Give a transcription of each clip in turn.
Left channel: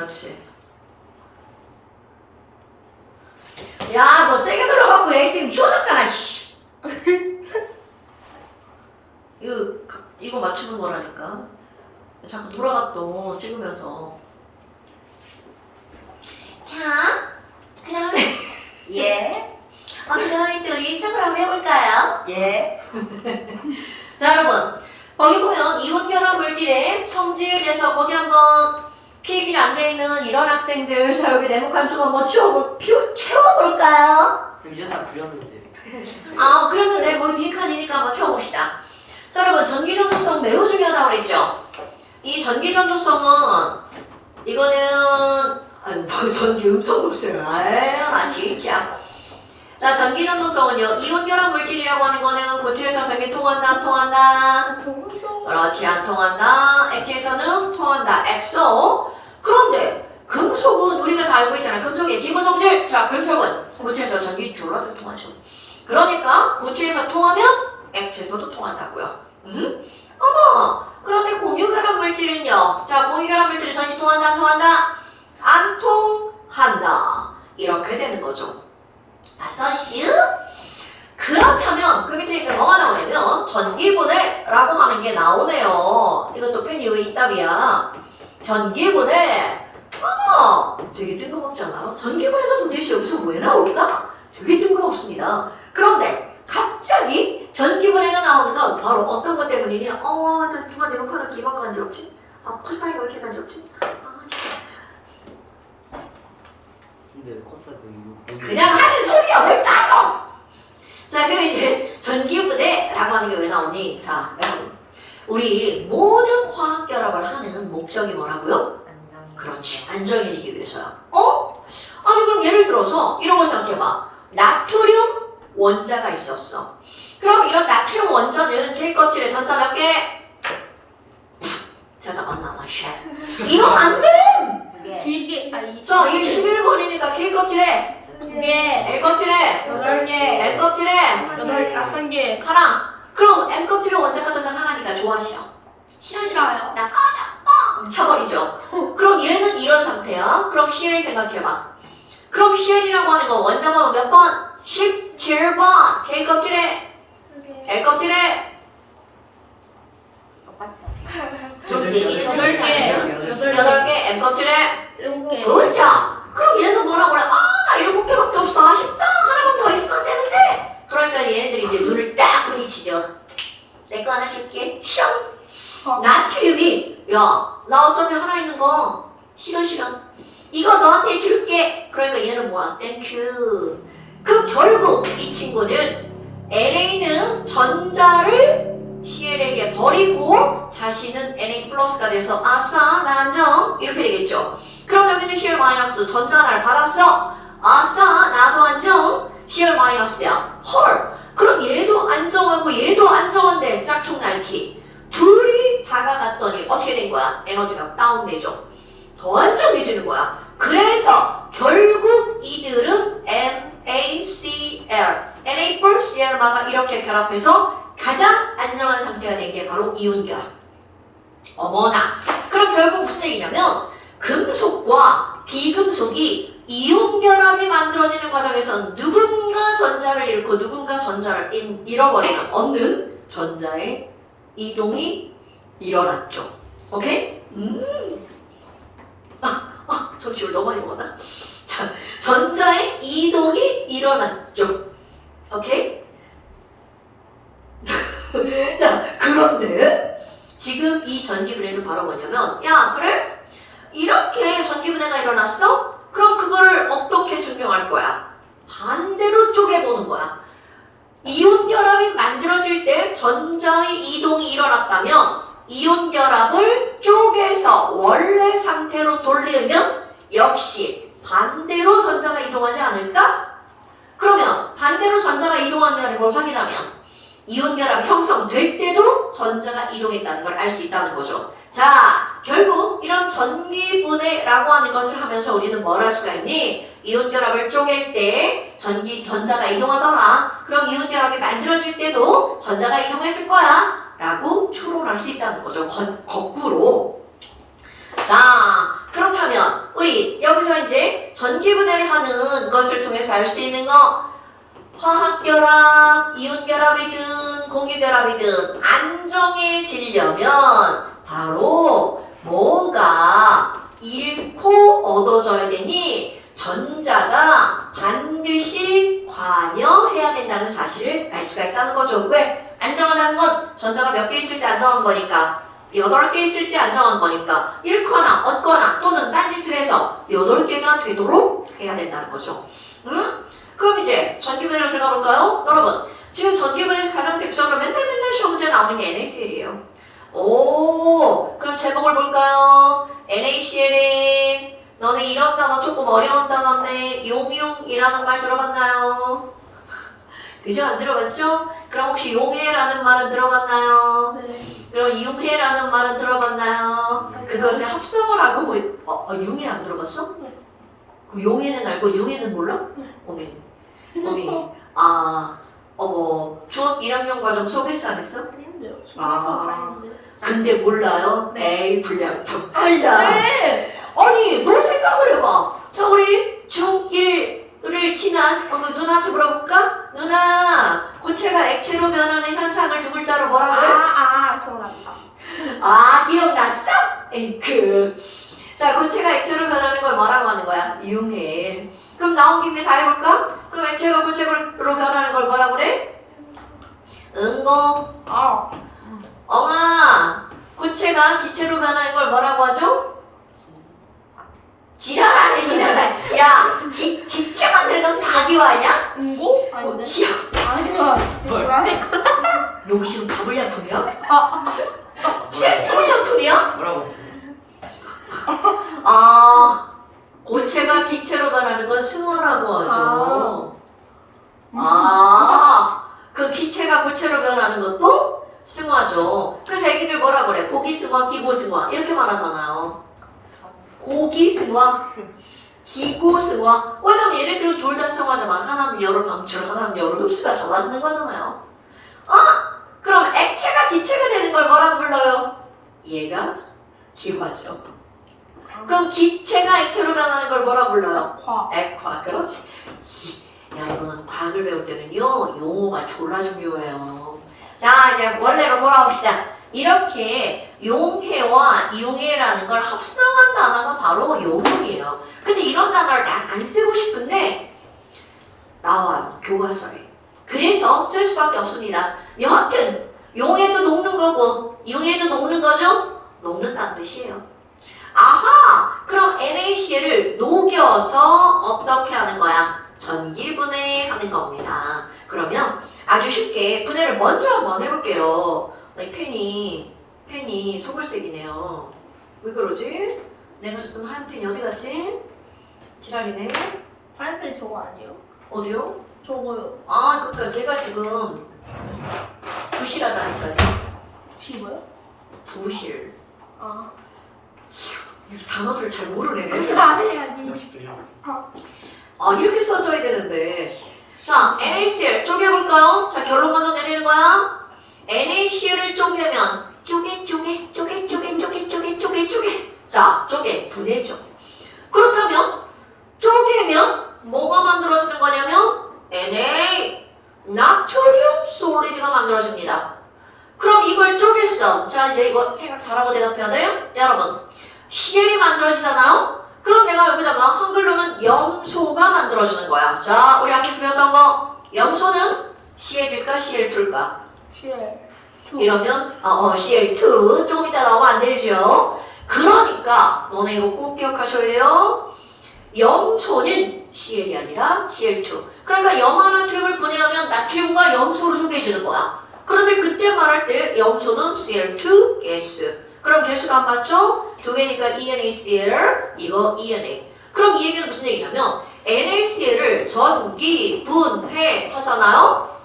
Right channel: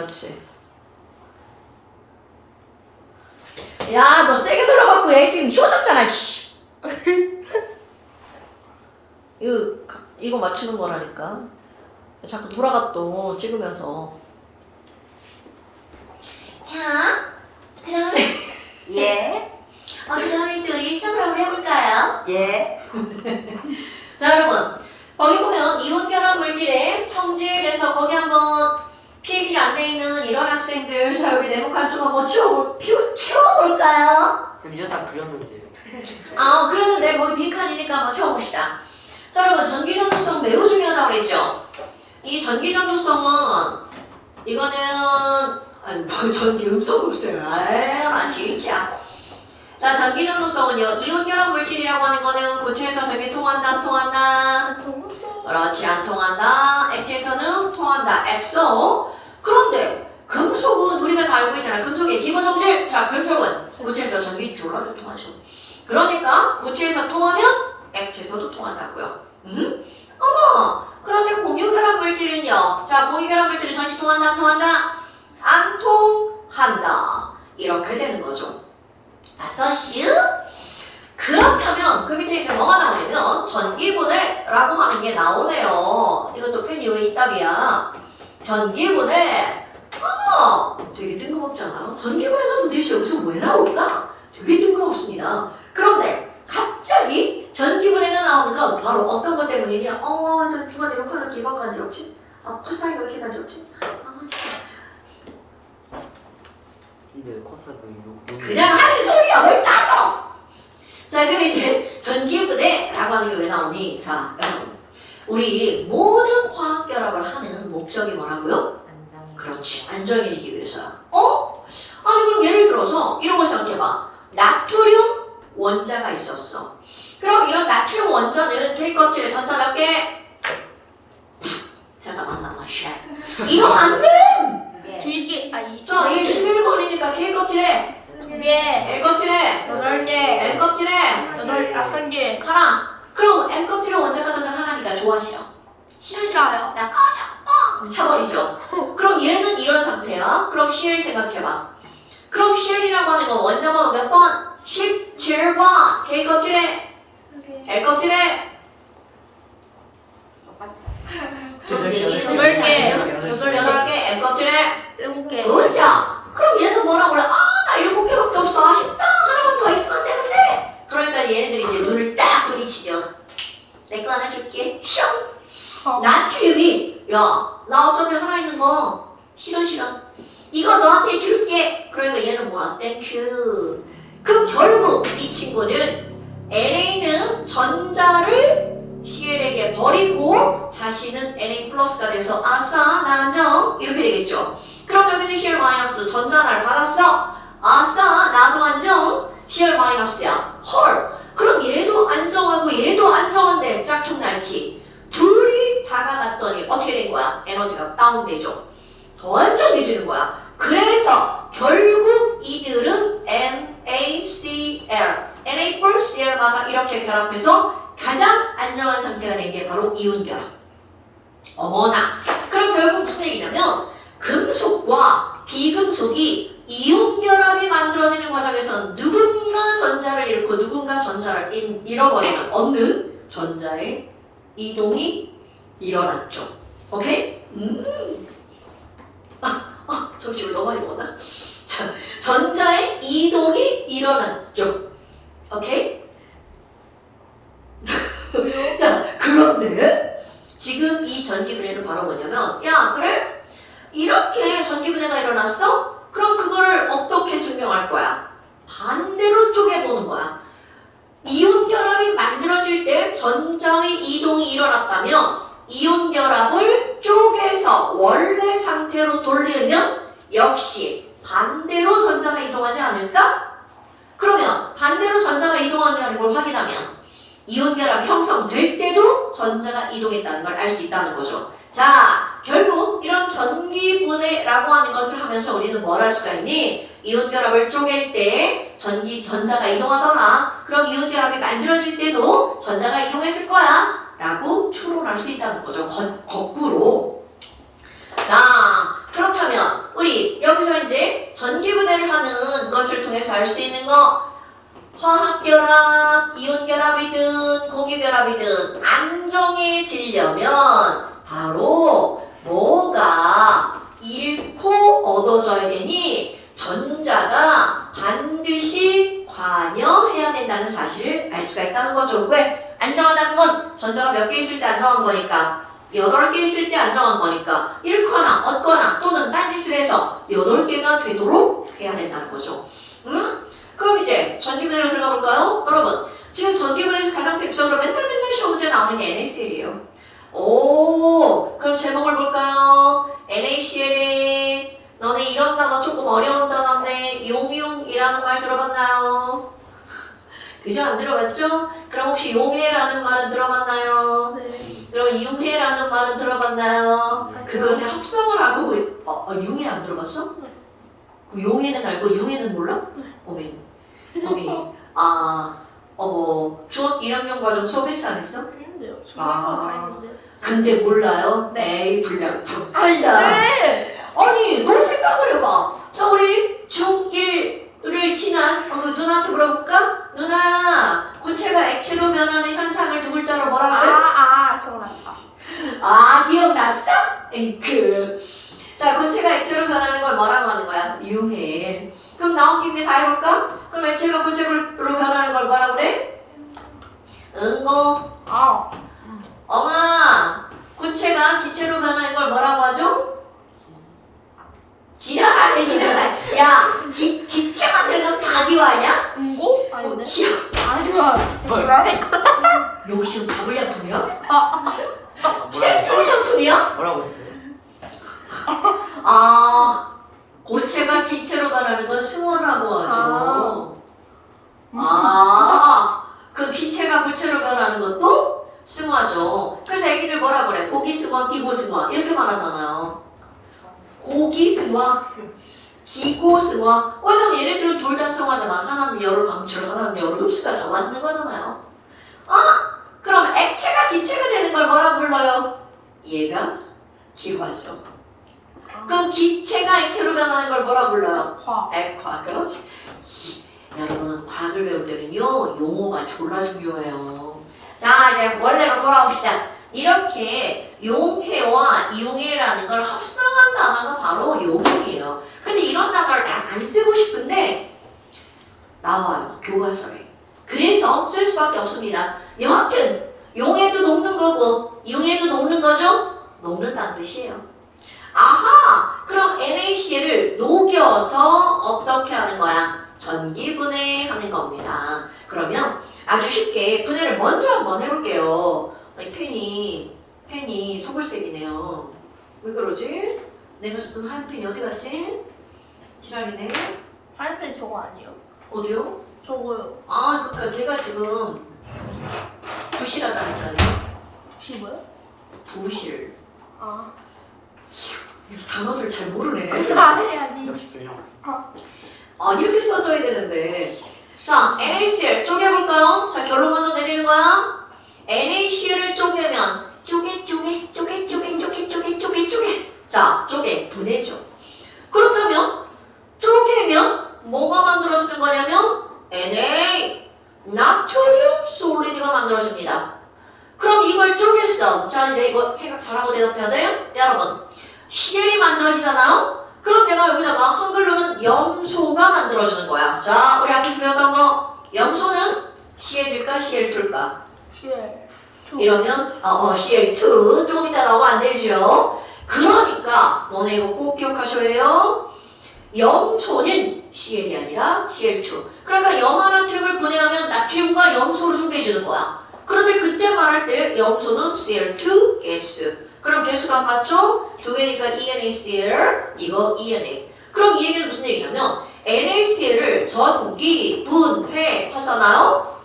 그렇지. 야, 너 세게 눌러갖고 얘 지금 휘어졌잖아, 씨. 이거 맞추는 거라니까. 자꾸 돌아가 또 찍으면서. 자, 그 다음에. 예. 그다음에 또 우리 수업을 한번 해볼까요? 예. 자, 여러분. 거기 보면 이온결합 물질의 성질에서 거기 한번 필기가 안 돼 있는 이런 학생들. 자, 여기 네모칸 좀 한번 채워볼까요? 그려다 그렸는데. 그러는데 거기 뒷칸이니까 한번 채워봅시다. 자, 여러분, 전기전도성 매우 중요하다고 그랬죠? 이 전기전도성은 이거는 전기 음성독생 나 진짜. 자, 전기전도성은요, 이온결합 물질이라고 하는 거는 고체에서 전기 통한다, 안 통한다? 안 통했어. 그렇지, 안 통한다. 액체에서는 통한다, 엑소. 그런데 금속은 우리가 다 알고 있잖아요. 금속의 기본 성질. 자, 금속은 고체에서 전기 줄어도 통하죠. 그러니까 고체에서 통하면 액체에서도 통한다고요. 어머, 그런데 공유결합 물질은요. 자, 공유결합 물질은 전기 통한다, 안 통한다? 안 통한다. 이렇게 되는 거죠. 아서슈? 그렇다면 그 밑에 이제 뭐가 나오냐면 전기분해라고 하는 게 나오네요. 이것도 펜이 왜 이따위야? 전기분해. 어머, 되게 뜬금없잖아요. 전기분해가 도대체 여기서 왜 나올까? 되게 뜬금없습니다. 그런데 갑자기 전기분해가 나오는 건 바로 어떤 것 때문이냐? 나 누가 내가 팔을 기가 간지럽지? 코사이가 왜 이렇게 간지럽지? 진짜. 근데 왜 컸어 보이고? 그냥 하는 소리야, 뭘 따져! 자, 그럼 이제 전기분해라고 하는 게 왜 나오니? 자, 여러분, 우리 모든 화학 결합을 하는 목적이 뭐라고요? 그렇지, 안정해지기 위해서요. 아니 그럼 예를 들어서 이런 걸 생각해봐. 나트륨 원자가 있었어. 그럼 이런 나트륨 원자는 K 껍질에 전자 몇 개? 잠깐만 나와, 쉣. 이거 안 돼! 두 개. 자, 이게 11번이니까 K 껍질에 두 개. L 껍질에 8개. M 껍질에 한 개. 하나. 그럼 M 껍질에 원자가 전자 하나니까 좋아, 싫어? 싫어요. 나 꺼져! 차버리죠. 그럼 얘는 이런 상태야. 그럼 CL 생각해봐. 그럼 CL이라고 하는 거 원자번호 몇 번? 17번. K 껍질에 L 껍질에 여덟 개. 8개 M 껍질에 7개. 그렇죠. 그럼 얘는 뭐라 그래? 나 7개밖에 없어. 아쉽다. 하나만 더 있으면 되는데. 그러니까 얘네들이 이제 눈을 딱 부딪히죠. 내 거 하나 줄게. 슝. 나트륨이 나 어차피 하나 있는 거 싫어. 이거 너한테 줄게. 그러니까 얘는 뭐야? 땡큐. 그럼 결국 이 친구는 NA는 전자를 CL에게 버리고 자신은 NA 플러스가 돼서 아싸 나 안정 이렇게 되겠죠. 그럼 여기는 CL 마이너스 전자 하나를 받았어. 아싸 나도 안정. CL 마이너스야. 헐. 그럼 얘도 안정하고 얘도 안정한데 짝퉁 나이키 둘이 박아놨더니 어떻게 된 거야? 에너지가 다운되죠. 더 안정해지는 거야. 그래서 결국 이들은 NaCl, Na 플러스 Cl마다 이렇게 결합해서 가장 안정한 상태가 된 게 바로 이온결합. 어머나. 그럼 결국 무슨 얘기냐면 금속과 비금속이 이온결합이 만들어지는 과정에서 누군가 전자를 잃고 누군가 전자를 잃어버리는 없는 전자의 이동이 일어났죠. 오케이? 점심을 너무 많이 먹었나? 자, 전자의 이동이 일어났죠. 오케이? 자, 그런데 지금 이 전기분해를 바로 뭐냐면 야, 그래? 이렇게 전기분해가 일어났어? 그럼 그거를 어떻게 증명할 거야? 반대로 쪼개보는 거야. 이온결합이 만들어질 때 전자의 이동이 일어났다면 이온결합을 쪼개서 원래 상태로 돌리면 역시 반대로 전자가 이동하지 않을까? 그러면 반대로 전자가 이동하는 걸 확인하면 이온결합이 형성될 때도 전자가 이동했다는 걸 알 수 있다는 거죠. 자, 결국 이런 전기분해라고 하는 것을 하면서 우리는 뭘 할 수가 있니? 이온결합을 쪼갤 때 전자가 이동하더라. 그럼 이온결합이 만들어질 때도 전자가 이동했을 거야 라고 추론할 수 있다는 거죠. 거꾸로. 자, 그렇다면 우리 여기서 이제 전기분해를 하는 것을 통해서 알 수 있는 거 화학결합, 이온결합이든 공유결합이든 안정해지려면 바로 뭐가 잃고 얻어져야 되니 전자가 반드시 관여해야 된다는 사실을 알 수가 있다는 거죠. 왜? 안정하다는 건 전자가 몇 개 있을 때 안정한 거니까 8개 있을 때 안정한 거니까 잃거나 얻거나 또는 딴짓을 해서 8개가 되도록 해야 된다는 거죠. 응? 그럼 이제 전기분해로 들어가 볼까요? 여러분 지금 전기분해에서 가장 대표적으로 맨날 시험 문제 나오는 게 NaCl이에요. 오, 그럼 제목을 볼까요? NaCl에 너네 이런 단어 조금 어려운 단어인데 용융이라는 말 들어봤나요? 그죠? 안 들어봤죠? 그럼 혹시 용해라는 말은 들어봤나요? 네. 그럼 융해라는 말은 들어봤나요? 아니요. 그것의 합성을 하고 융해 안 들어봤어? 네. 그 용해는 알고 융해는 몰라? 네. 어메 중학 1학년 과정 수업했어 안 했어? 했는데요. 중상권 다 했는데. 근데 몰라요? 네. 에이 불량품. 아이 자, 쌤! 아니 너 생각을 해봐. 자 우리 중1을 지난 누나한테 물어볼까? 누나 고체가 액체로 변하는 현상을 두 글자로 뭐라 그래? 기억났다. 기억났어? 에이크. 자 고체가 액체로 변하는 걸 뭐라고 하는 거야? 융해. 그럼 나온 김에 다 해볼까? 그럼 액체가 고체로 변하는 걸 뭐라 그래? 응고. 엄마 고체가 기체로 변하는 걸 뭐라고 하죠? 지랄하네 지랄하네. 야 기체 만드는 것은 다 기와냐? 응고? 아닌데? 고치야. 아니야. 라멘 너 지금 가불량품이야? 아, 센트럴량품이야? 뭐라고 했어요? 고체가 기체로 변하는 건 승화라고 하죠. 그 기체가 고체로 변하는 것도 승화죠. 그래서 애기들 뭐라 그래? 고기승화, 기고승화 이렇게 말하잖아요. 고기승화, 기고승화. 왜냐면 얘네들은 둘 다 승화지만 하나는 열을 방출, 하나는 열을 흡수가 달라지는 거잖아요. 그럼 액체가 기체가 되는 걸 뭐라고 불러요? 얘가 기화죠. 그럼 기체가 액체로 변하는 걸 뭐라고 불러요? 액화. 그렇지. 여러분 과학을 배울 때는요 용어가 졸라 중요해요. 자 이제 원래로 돌아옵시다. 이렇게 용해와 이용해라는 걸 합성한 단어가 바로 용이에요. 근데 이런 단어를 난 안 쓰고 싶은데 나와요 교과서에. 그래서 쓸 수밖에 없습니다. 여하튼 용해도 녹는 거고 이용해도 녹는 거죠? 녹는다는 뜻이에요. 그럼 NaCl을 녹여서 어떻게 하는 거야? 전기분해하는 겁니다. 그러면 아주 쉽게 분해를 먼저 한번 해볼게요. 아니, 펜이 소글색이네요. 왜 그러지? 내가 쓰던 하얀 펜이 어디 갔지? 지랄이네. 하얀펜이 저거 아니에요? 어디요? 저거요. 그러니까 걔가 지금 부실하다니까요. 90이요? 부실. 아. 이 단어를 잘 모르네. 아니. 60분이요. 이렇게 써줘야 되는데. 자, NaCl 쪼개볼까요? 자, 결론 먼저 내리는 거야. NaCl을 쪼개면 쪼개. 자, 쪼개 분해죠. 그렇다면 쪼개면 뭐가 만들어지는 거냐면 Na 나트륨 솔리드가 만들어집니다. 그럼 이걸 쪼갰어. 자, 이제 이거 생각 잘하고 대답해야 돼요. 여러분, Cel이 만들어지잖아요. 그럼 내가 여기다가 한글로는 염소가 만들어지는 거야. 자, 우리 앞에서 배웠던 거 염소는 Cl일까 Cl2일까? Cl2. 이러면 Cl2 조금 이따 나오면 안 되죠. 그러니까 너네 이거 꼭 기억하셔야 돼요. 염소는 Cl이 아니라 Cl2. 그러니까 염화나트륨을 분해하면 나트륨과 염소로 쪼개지는 거야. 그런데 그때 말할 때 염소는 Cl2 가스. 그럼 개수가 안 맞죠? 두 개니까 NaCl, 이거 ENA. 그럼 이 얘기는 무슨 얘기냐면 NaCl을 전기 분해하잖아요?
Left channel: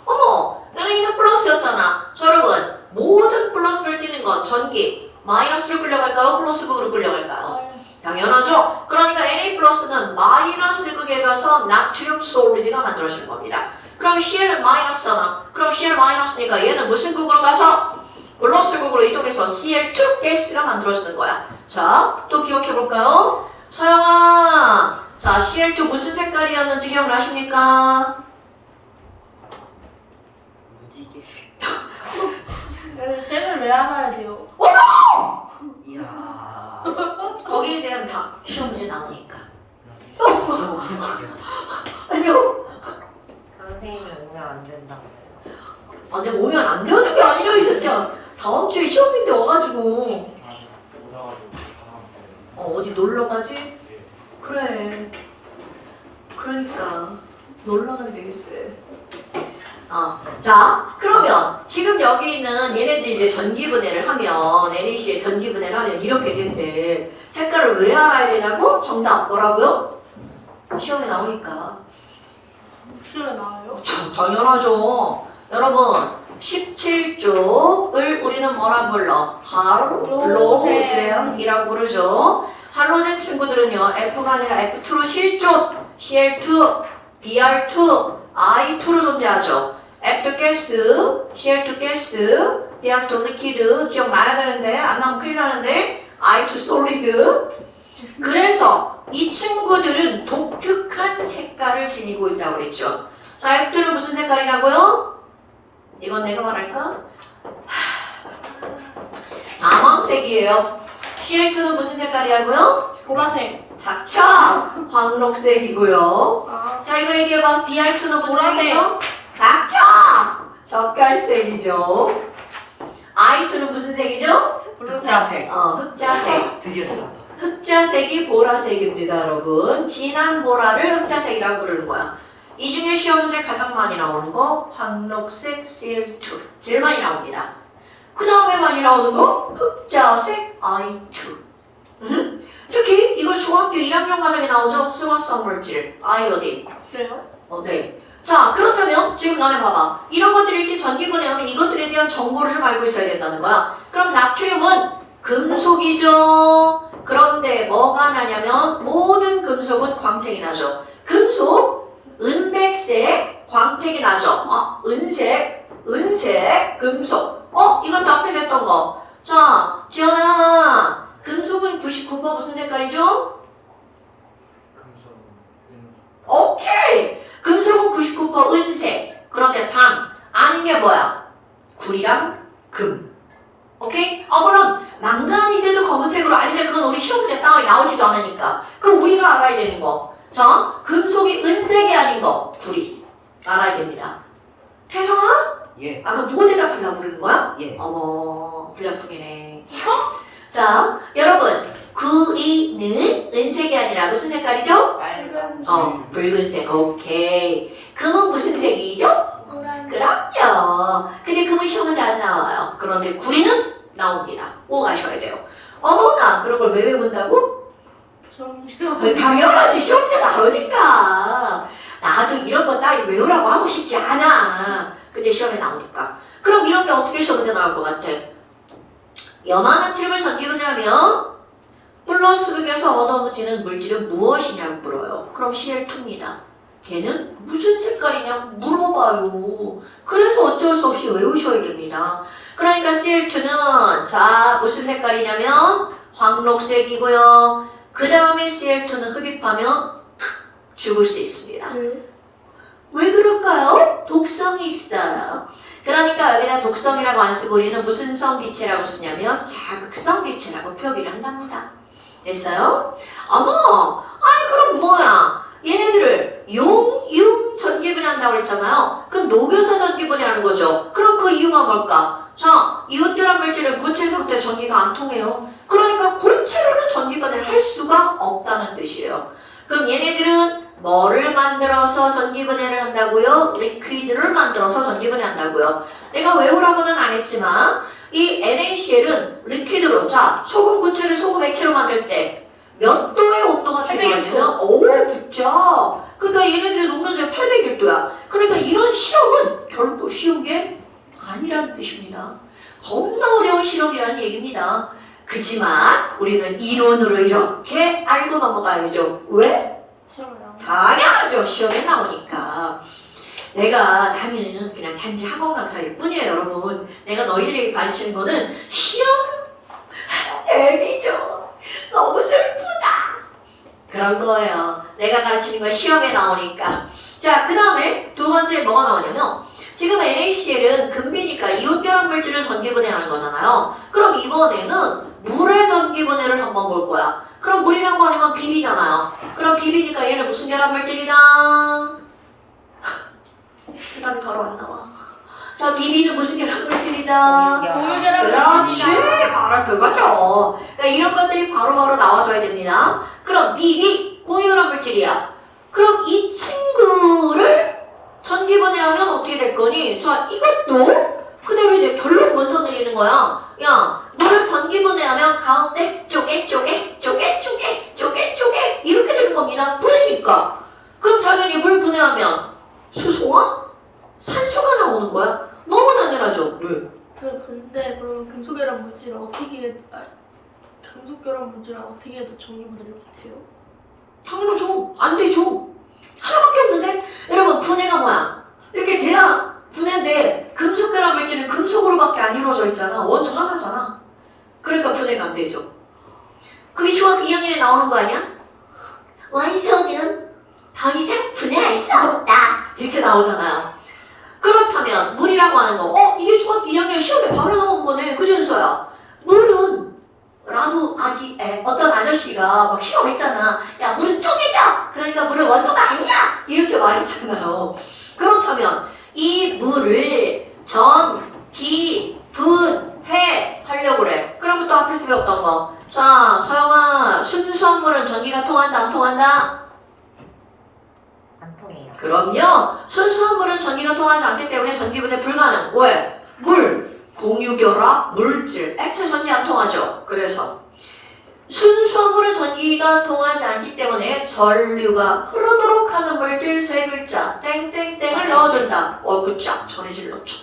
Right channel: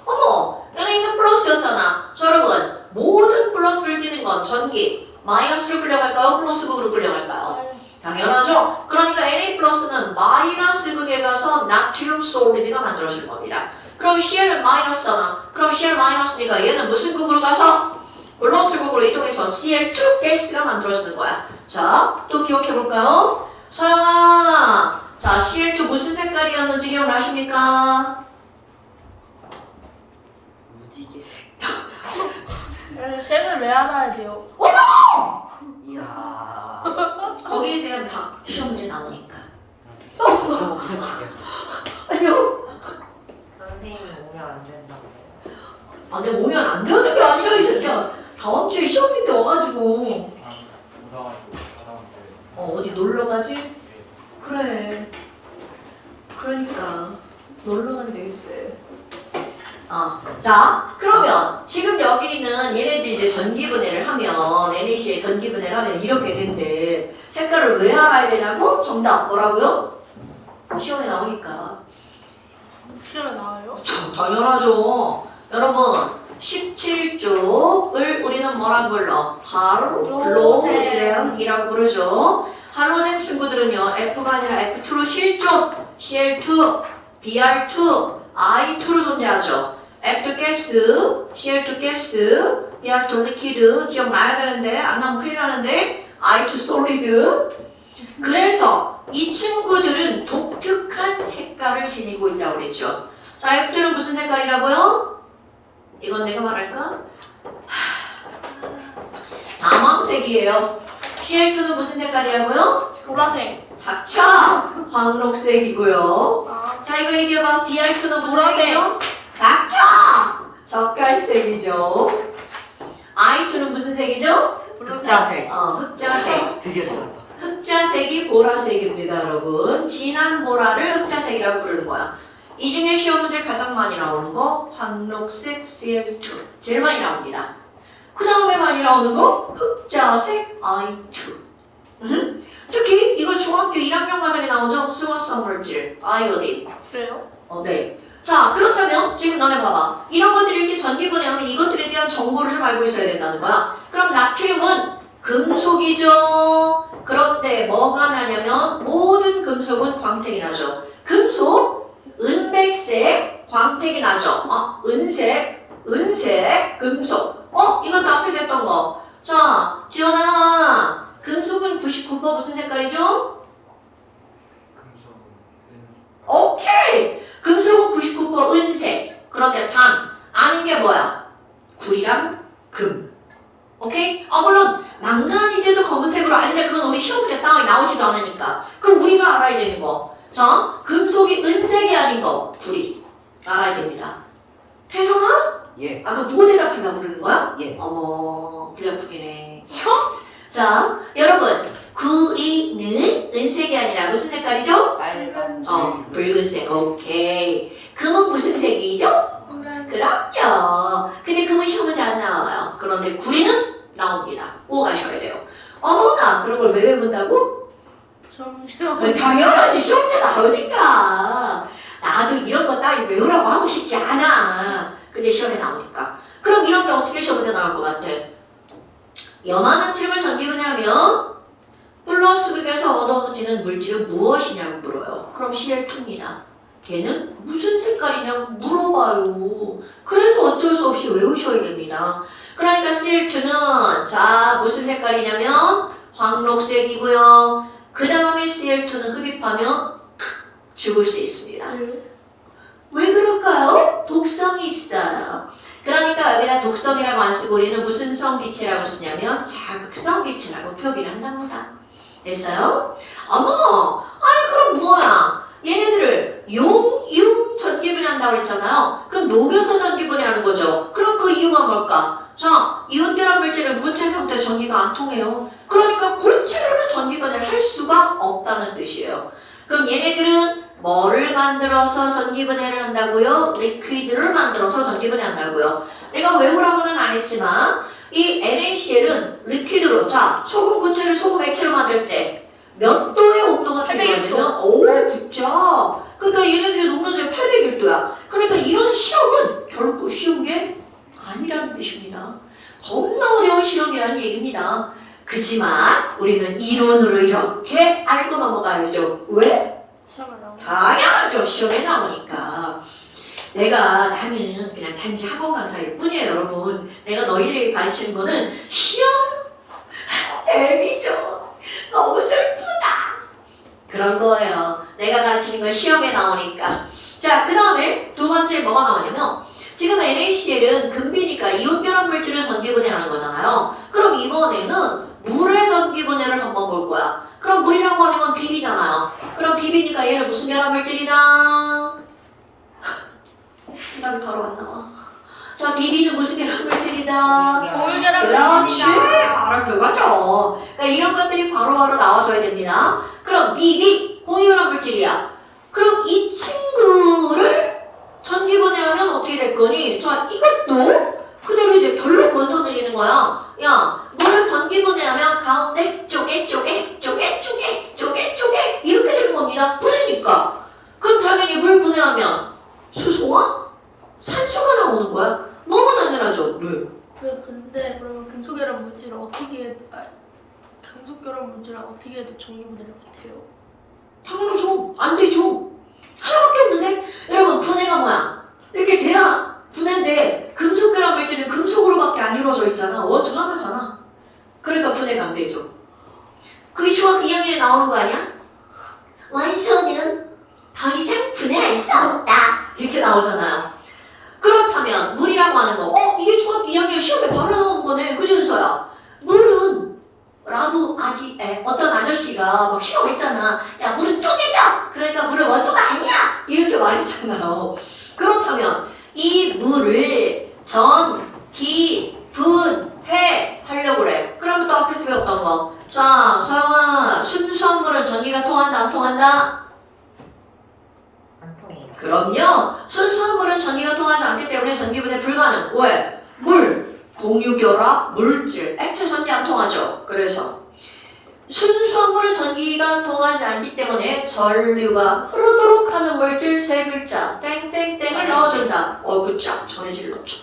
NA는 플러스였잖아. 자, 여러분 모든 플러스를 띠는 건 전기 마이너스로 끌려갈까요? 플러스극으로 끌려갈까요? 당연하죠. 그러니까 Na 플러스는 마이너스 극에 가서 나트륨 솔리드가 만들어지는 겁니다. 그럼 Cl은 마이너스잖아. 그럼 Cl 마이너스니까 얘는 무슨 극으로 가서 블러스국으로 이동해서 Cl2 가스가 만들어지는 거야. 자, 또 기억해볼까요? 서영아, 자, Cl2 무슨 색깔이었는지 기억나십니까? 무지개. 색을 왜 알아야 돼요? 이야. 거기에 대한 다 시험 문제 나오니까. 아니요. 선생님이 오면 안 된다고요. 아, 내가 오면 안 되는 게 아니라 이 새끼야. 다음 주에 시험인데 와가지고. 어디 놀러 가지? 그래. 그러니까 놀러 가면 되겠어. 자, 그러면 지금 여기는 얘네들 이제 전기분해를 하면 NaCl 전기분해를 하면 이렇게 된대. 색깔을 왜 알아야 되냐고? 정답 뭐라고요? 시험에 나오니까. 시험에 나와요? 참 당연하죠. 여러분 17쪽을 우리는 뭐라 불러? 할로젠이라고 부르죠. 할로젠 친구들은요 F가 아니라 F2로 실존, Cl2, Br2, I2로 존재하죠. F2 가스, Cl2 가스, Br2 리퀴드 기억나야 되는데 안 나면 큰일 나는데 I2 솔리드. 그래서 이 친구들은 독특한 색깔을 지니고 있다고 그랬죠. 자, F2는 무슨 색깔이라고요? 이건 내가 말할까? 남황색이에요. Cl2는 무슨 색깔이라고요? 보라색. 닥쳐! 황록색이고요. 아, 자, 이거 얘기해봐. Br2는 무슨 보라색. 색이죠? 닥쳐! 젓갈색이죠. I2는 무슨 색이죠? 흑자색. 흑자색. 드디어 찾았다. 흑자색이 보라색입니다, 여러분. 진한 보라를 흑자색이라고 부르는 거야. 이 중에 시험 문제 가장 많이 나오는 거 황록색 Cl2 제일 많이 나옵니다. 그 다음에 많이 나오는 거 흑자색 I2. 특히 이거 중학교 1학년 과정에 나오죠. 수화성 물질 아이오딘. 그래요? 네. 자, 그렇다면 지금 너네 봐봐. 이런 것들이 이렇게 전기분해하면 이것들에 대한 정보를 좀 알고 있어야 된다는 거야. 그럼 나트륨은 금속이죠. 그런데 뭐가 나냐면 모든 금속은 광택이 나죠. 금속, 은백색, 광택이 나죠. 은색, 금속. 이것도 앞에서 했던 거. 자, 지연아, 금속은 99% 무슨 색깔이죠? 오케이! 금속은 99% 은색. 그런데 단, 아는 게 뭐야? 구리랑 금. 오케이? 물론 망가니즈도 검은색으로 아닌데 그건 우리 시험 때 따위 나오지도 않으니까. 그럼 우리가 알아야 되는 거. 자, 금속이 은색이 아닌 거. 구리. 알아야 됩니다. 태성아? 예. 그럼 누구 대답하려고 그러는 거야? 예. 어머, 불량품이네. 자, 여러분. 구리는 은색이 아니라 무슨 색깔이죠? 빨간. 붉은색. 오케이. 금은 무슨 색이죠? 그럼요. 근데 금은 시험은 잘 안 나와요. 그런데 구리는 나옵니다. 꼭 아셔야 돼요. 어머나, 그런 걸 왜 외운다고? 당연하지. 시험 때 나오니까. 나도 이런 거 따위 외우라고 하고 싶지 않아. 근데 시험에 나오니까. 그럼 이런 게 어떻게 시험에 나올 것 같아? 염화나트륨을 전기분해하면 플러스극에서 얻어지는 물질은 무엇이냐고 물어요. 그럼 Cl2입니다. 걔는 무슨 색깔이냐고 물어봐요. 그래서 어쩔 수 없이 외우셔야 됩니다. 그러니까 Cl2는 자 무슨 색깔이냐면 황록색이고요. 그 다음에 Cl2는 흡입하면 죽을 수 있습니다. 왜 그럴까요? 독성이 있어요. 그러니까 여기다 독성이라고 안 쓰고 우리는 무슨 성 기체라고 쓰냐면 자극성 기체라고 표기를 한답니다. 됐어요? 어머, 아니 그럼 뭐야? 얘네들을 융 전기분해한다고 그랬잖아요. 그럼 녹여서 전기분해하는 거죠. 그럼 그 이유가 뭘까? 자, 이온결합 물질은 고체 상태 전기가 안 통해요. 그러니까 고체로는 전기분해를 할 수가 없다는 뜻이에요. 그럼 얘네들은 뭐를 만들어서 전기분해를 한다고요? 리퀴드를 만들어서 전기분해한다고요. 내가 외우라고는 안 했지만 이 NaCl은 리퀴드로 자 소금 고체를 소금 액체로 만들 때 몇 도의 온도가 필요하냐면 9죠. 그러니까 얘네들의 녹는제 801도야. 그러니까 이런 실험은 결코 쉬운 게 아니라는 뜻입니다. 겁나 어려운 실험이라는 얘기입니다. 그지만 우리는 이론으로 이렇게 알고 넘어가야죠. 왜? 당연하죠. 시험에 나오니까. 나는 그냥 단지 학원 강사일 뿐이에요, 여러분. 내가 너희들에게 가르치는 거는 시험 대비죠. 너무 슬프다. 그런 거예요. 내가 가르치는 건 시험에 나오니까. 자, 그 다음에 두 번째 뭐가 나오냐면 지금 NaCl은 금비니까 이온결합 물질을 전기분해하는 거잖아요. 그럼 이번에는 물의 전기분해를 한번 볼 거야. 그럼 물이라고 하는 건 비비잖아요. 그럼 비비니까 얘는 무슨 결합 물질이다? 난 바로 안 나와. 자, 비비는 무슨 결합 물질이다? 공유결합 그렇지. 물질이다. 바로 그거죠. 그러니까 이런 것들이 바로바로 나와줘야 됩니다. 그럼 비비 공유결합 물질이야. 그럼 이 친구를 전기분해하면 어떻게 될 거니? 자, 이것도 그대로 이제 결론 먼저 내리는 거야. 야, 뭘 전기분해하면 가운데 쪼개 이렇게 되는 겁니다. 분해니까. 그럼 당연히 물 분해하면 수소와 산소가 나오는 거야. 너무 당연하죠. 네. 근데 그러면 금속결합 물질은 금속결합 물질은 어떻게 해도 전기분해를 못해요? 당연하죠. 안 되죠. 하나밖에 없는데? 여러분, 분해가 뭐야? 이렇게 돼야 분해인데 금속결합 물질은 금속으로밖에 안 이루어져 있잖아. 원소 하나잖아. 그러니까 분해가 안 되죠. 그게 중학교 2학년에 나오는 거 아니야? 원소는 더 이상 분해할 수 없다. 이렇게 나오잖아요. 그렇다면 물이라고 하는 거, 이게 중학교 2학년 시험에 바로 나오는 거네. 그지, 은서야? 물은 라도 어떤 아저씨가 막 시험했잖아. 야, 물은 쪼개져! 그러니까 물은 원소가 아니야! 이렇게 말했잖아요. 그렇다면 이 물을 전기 분해 하려고 그래. 그러면 또 앞에서 배웠던 거. 자, 서영아, 순수한 물은 전기가 통한다, 안 통한다? 안 통해요. 그럼요. 순수한 물은 전기가 통하지 않기 때문에 전기분해 불가능. 왜? 물, 공유결합, 물질, 액체 전기 안 통하죠. 그래서 순수한 물은 전기가 통하지 않기 때문에 전류가 흐르도록 하는 물질 세 글자 땡땡땡을 넣어준다. 그쵸. 전해질 넣죠.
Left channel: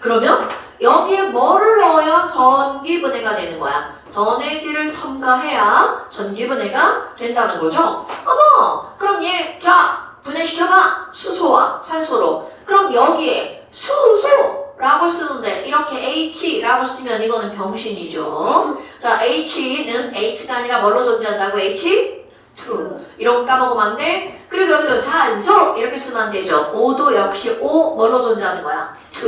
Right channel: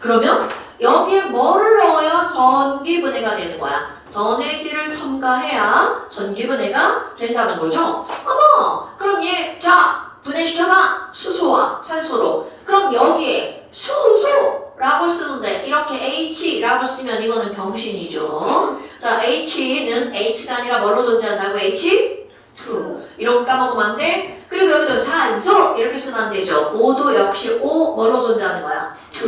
그러면 여기에 뭐를 넣어야 전기분해가 되는 거야? 전해질을 첨가해야 전기분해가 된다는 거죠. 어머, 그럼 자, 분해시켜봐. 수소와 산소로. 그럼 여기에 수소라고 쓰는데 이렇게 H라고 쓰면 이거는 병신이죠. 자, H는 H가 아니라 뭘로 존재한다고? H2. 이런 거 까먹으면 안 돼. 그리고 여기도 산소 이렇게 쓰면 안 되죠. O도 역시 O 뭘로 존재하는 거야? 2.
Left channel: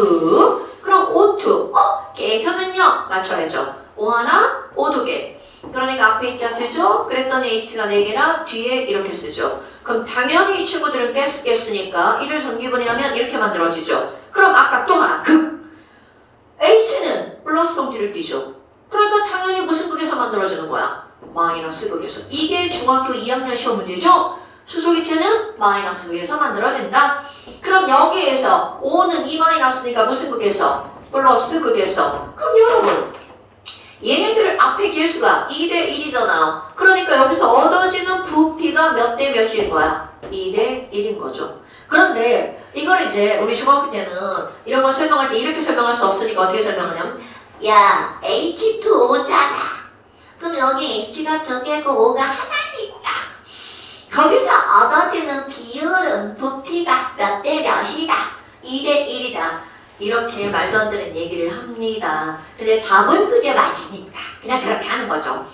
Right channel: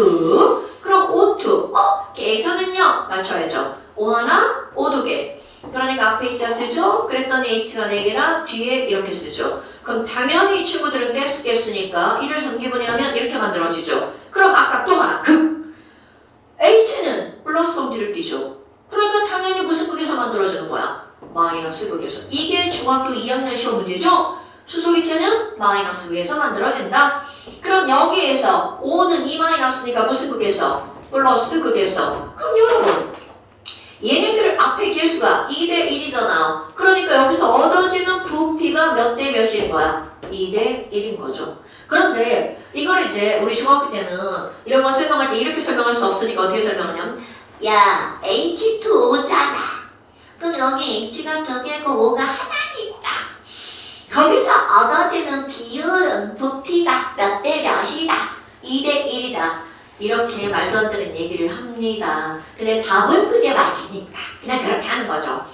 그럼 O2. 계산은요? 맞춰야죠. O 하나, O 두 개. 그러니까 앞에 있자 쓰죠. 그랬더니 H가 4개라 뒤에 이렇게 쓰죠. 그럼 당연히 이 친구들은 가스니까 이를 전기분해하면 이렇게 만들어지죠. 그럼 아까 또 하나 극. H는 플러스 성질을 띠죠. 그러니까 당연히 무슨 극에서 만들어지는 거야? 마이너스 극에서. 이게 중학교 2학년 시험 문제죠. 수소기체는 마이너스 극에서 만들어진다. 그럼 여기에서 O는 2-니까 무슨 극에서? 플러스 극에서. 그럼 여러분 얘네들 앞에 개수가 2대 1이잖아. 그러니까 여기서 얻어지는 부피가 몇 대 몇인 거야? 2대 1인 거죠. 그런데 이걸 이제 우리 중학교 때는 이런 거 설명할 때 이렇게 설명할 수 없으니까 어떻게 설명하냐면 야, H2O잖아. 그럼 여기 H가 2개고 O가 하나니까 거기서 얻어지는 비율은 부피가 몇 대 몇이다. 2대 1이다. 이렇게 말도 안 되는 얘기를 합니다. 근데 답은 그게 맞으니까 그냥 그렇게 하는 거죠.